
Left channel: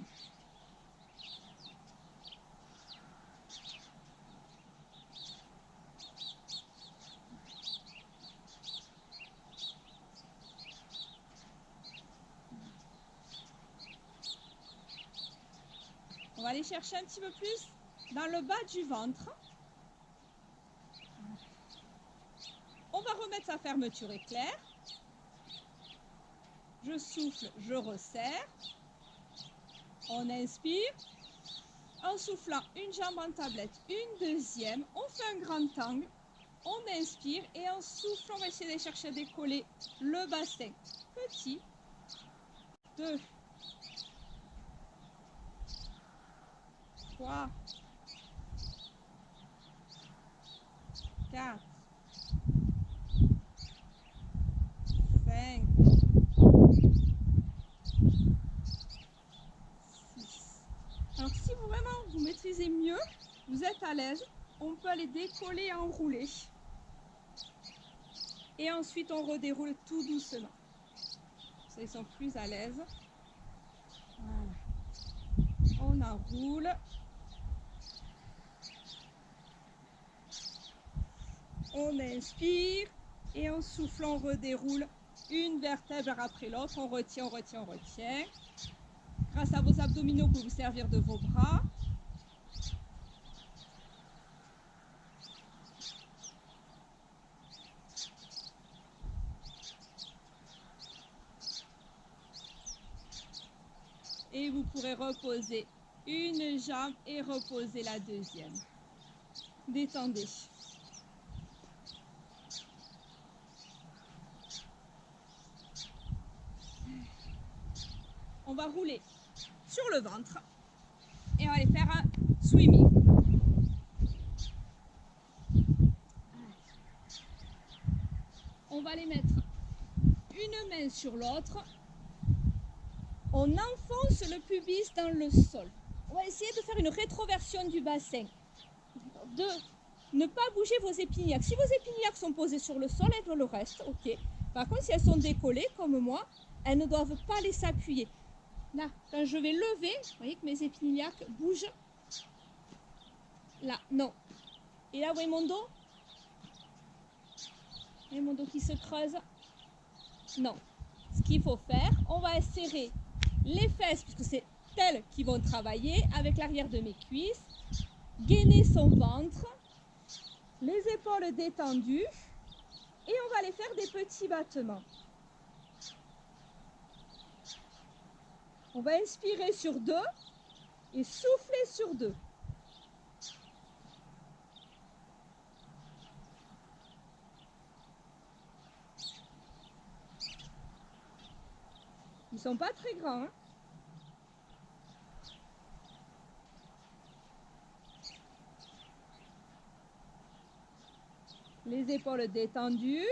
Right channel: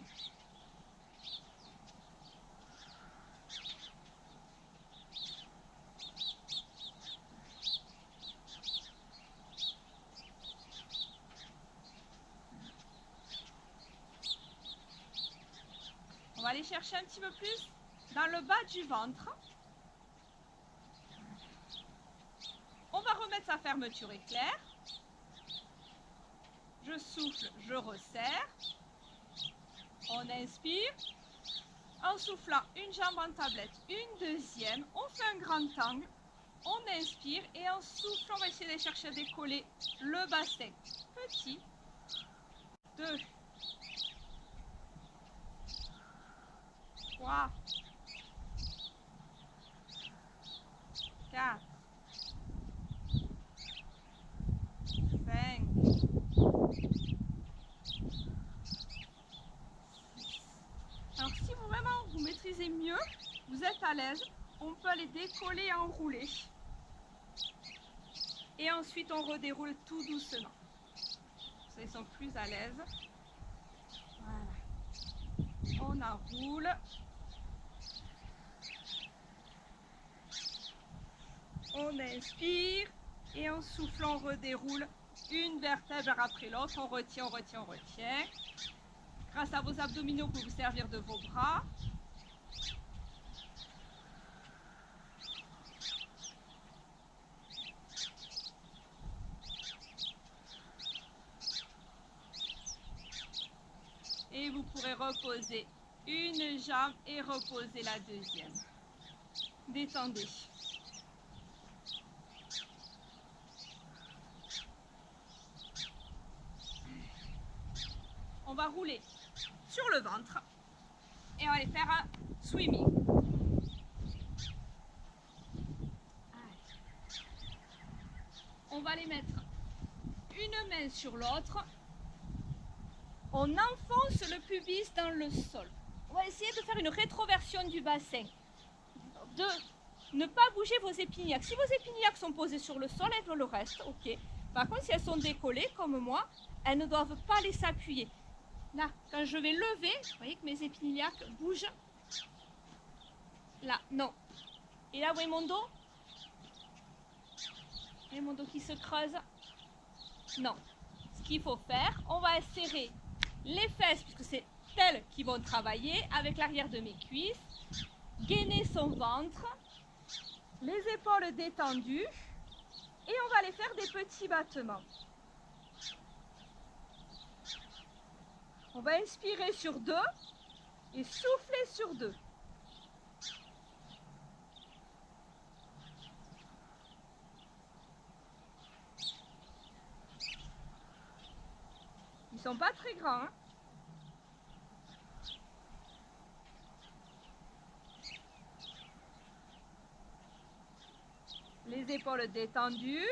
On va aller chercher un petit peu plus dans le bas du ventre. On va remettre sa fermeture éclair. Je souffle, je resserre. On inspire. En soufflant, une jambe en tablette, une deuxième. On fait un grand angle. On inspire et en soufflant, on va essayer de chercher à décoller le bassin. Petit. 2. 3, 4, 5, 6. Alors si vous vraiment vous maîtrisez mieux, vous êtes à l'aise, on peut les décoller et enrouler. Et ensuite on redéroule tout doucement. Ça, ils sont plus à l'aise. Voilà. On enroule. On inspire et en soufflant, on redéroule une vertèbre après l'autre. On retient, on retient, on retient. Grâce à vos abdominaux, vous pouvez vous servir de vos bras. Et vous pourrez reposer une jambe et reposer la deuxième. Détendez. On va rouler sur le ventre et on va aller faire un swimming. On va les mettre une main sur l'autre. On enfonce le pubis dans le sol. On va essayer de faire une rétroversion du bassin. De ne pas bouger vos épiniaques. Si vos épiniaques sont posées sur le sol, elles doivent le reste, ok. Par contre, si elles sont décollées, comme moi, elles ne doivent pas laisser appuyer. Là, quand je vais lever, vous voyez que mes épiniaques bougent. Là, non. Et là, vous voyez mon dos? Vous voyez mon dos qui se creuse? Non. Ce qu'il faut faire, on va serrer les fesses, puisque c'est elles qui vont travailler, avec l'arrière de mes cuisses. Gainer son ventre. Les épaules détendues. Et on va aller faire des petits battements. On va inspirer sur 2 et souffler sur 2. Ils ne sont pas très grands, hein. Les épaules détendues.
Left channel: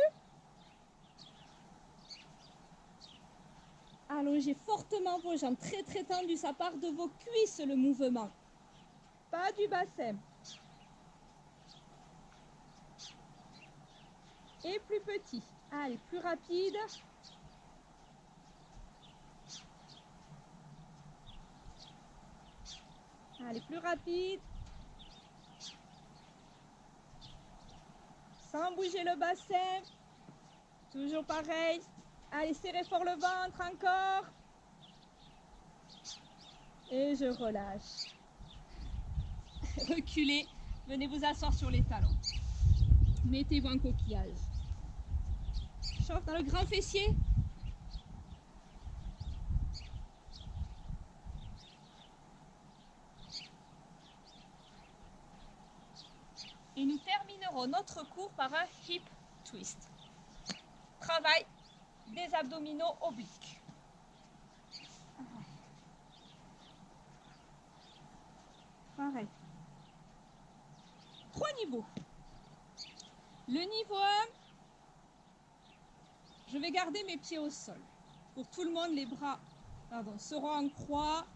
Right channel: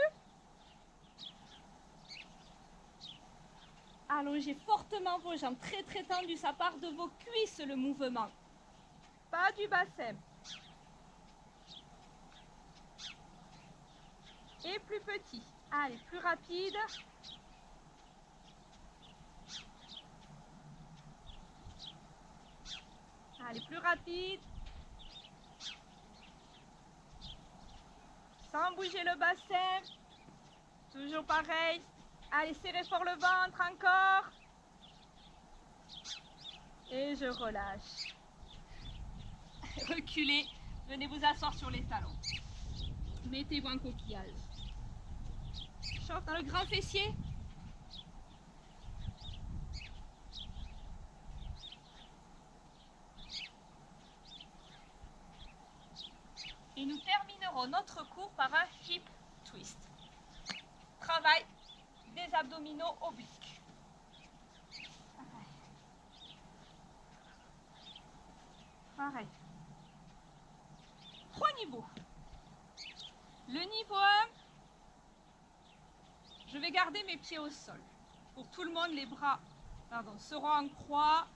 Allongez fortement vos jambes, très très tendues, ça part de vos cuisses le mouvement, pas du bassin. Et plus petit, allez, plus rapide. Allez, plus rapide. Sans bouger le bassin, toujours pareil. Allez, serrez fort le ventre, encore. Et je relâche. Reculez, venez vous asseoir sur les talons. Mettez-vous en coquillage. Chauffe dans le grand fessier. Et nous terminerons notre cours par un hip twist. Travail des abdominaux obliques. Pareil. 3 niveaux. Le niveau 1, je vais garder mes pieds au sol. Pour tout le monde, les bras seront en croix.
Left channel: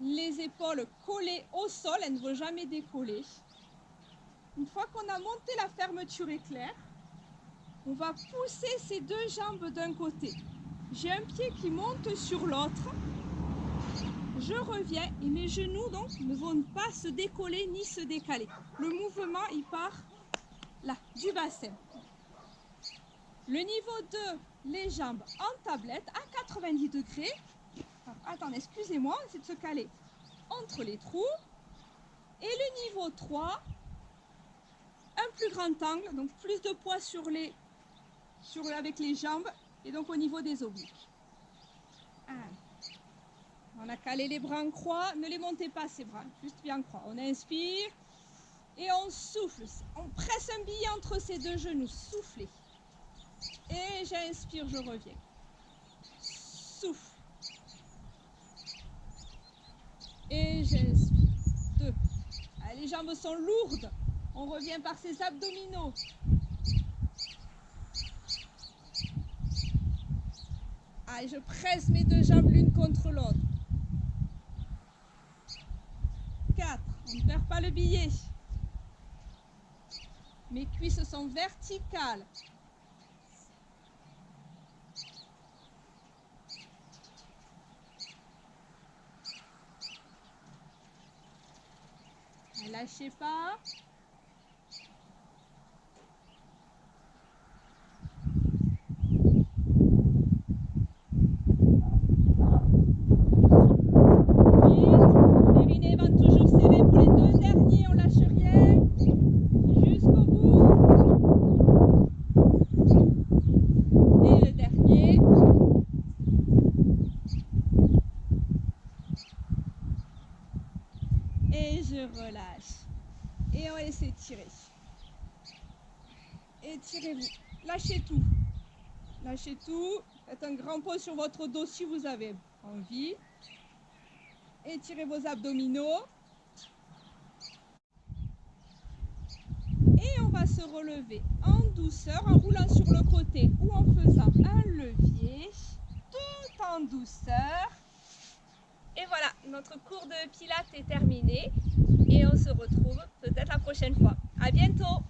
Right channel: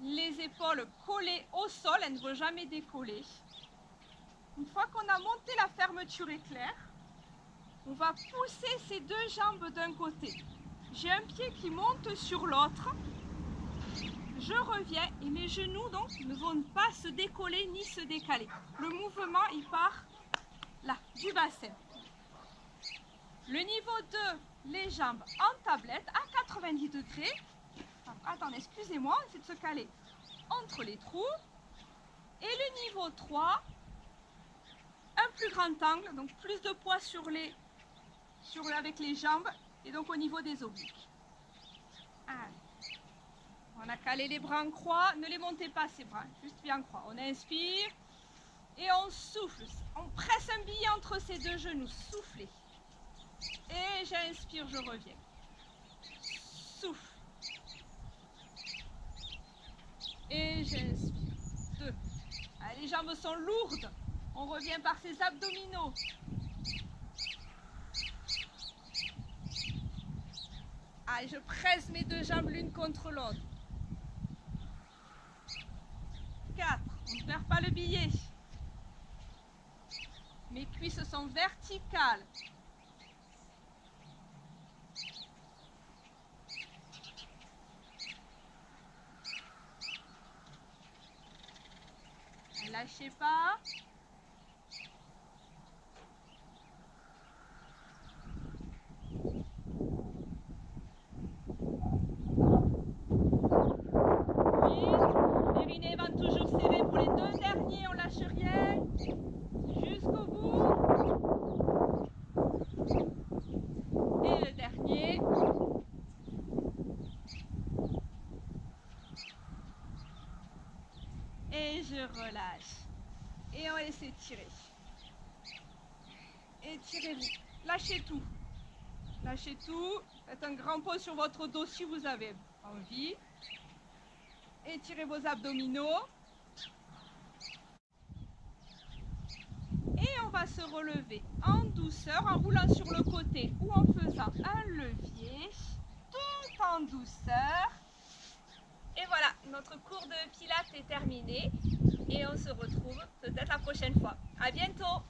Les épaules collées au sol, elles ne vont jamais décoller. Une fois qu'on a monté la fermeture éclair, on va pousser ces 2 jambes d'un côté. J'ai un pied qui monte sur l'autre. Je reviens et mes genoux donc ne vont pas se décoller ni se décaler. Le mouvement, il part là, du bassin. Le niveau 2, les jambes en tablette à 90 degrés. Attendez, excusez-moi, c'est de se caler entre les trous. Et le niveau 3, un plus grand angle, donc plus de poids avec les jambes et donc au niveau des obliques. Allez. On a calé les bras en croix, ne les montez pas ces bras, juste bien en croix. On inspire et on souffle. On presse un billet entre ces 2 genoux, soufflez. Et j'inspire, je reviens. Souffle. Et j'inspire. les jambes sont lourdes. On revient par ses abdominaux. Allez, je presse mes deux jambes l'une contre l'autre. 4. On ne perd pas le billet. Mes cuisses sont verticales. 5. Lâchez pas. 8. Périnée ventre toujours serré pour les deux derniers, on lâche rien. Jusqu'au bout. Et le dernier. Et je relâche. Et on va laisser tirer. Étirez-vous. Lâchez tout. Lâchez tout. Faites un grand pause sur votre dos si vous avez envie. Étirez vos abdominaux. Et on va se relever en douceur, en roulant sur le côté ou en faisant un levier, tout en douceur. Et voilà, notre cours de pilates est terminé et on se retrouve peut-être la prochaine fois. À bientôt!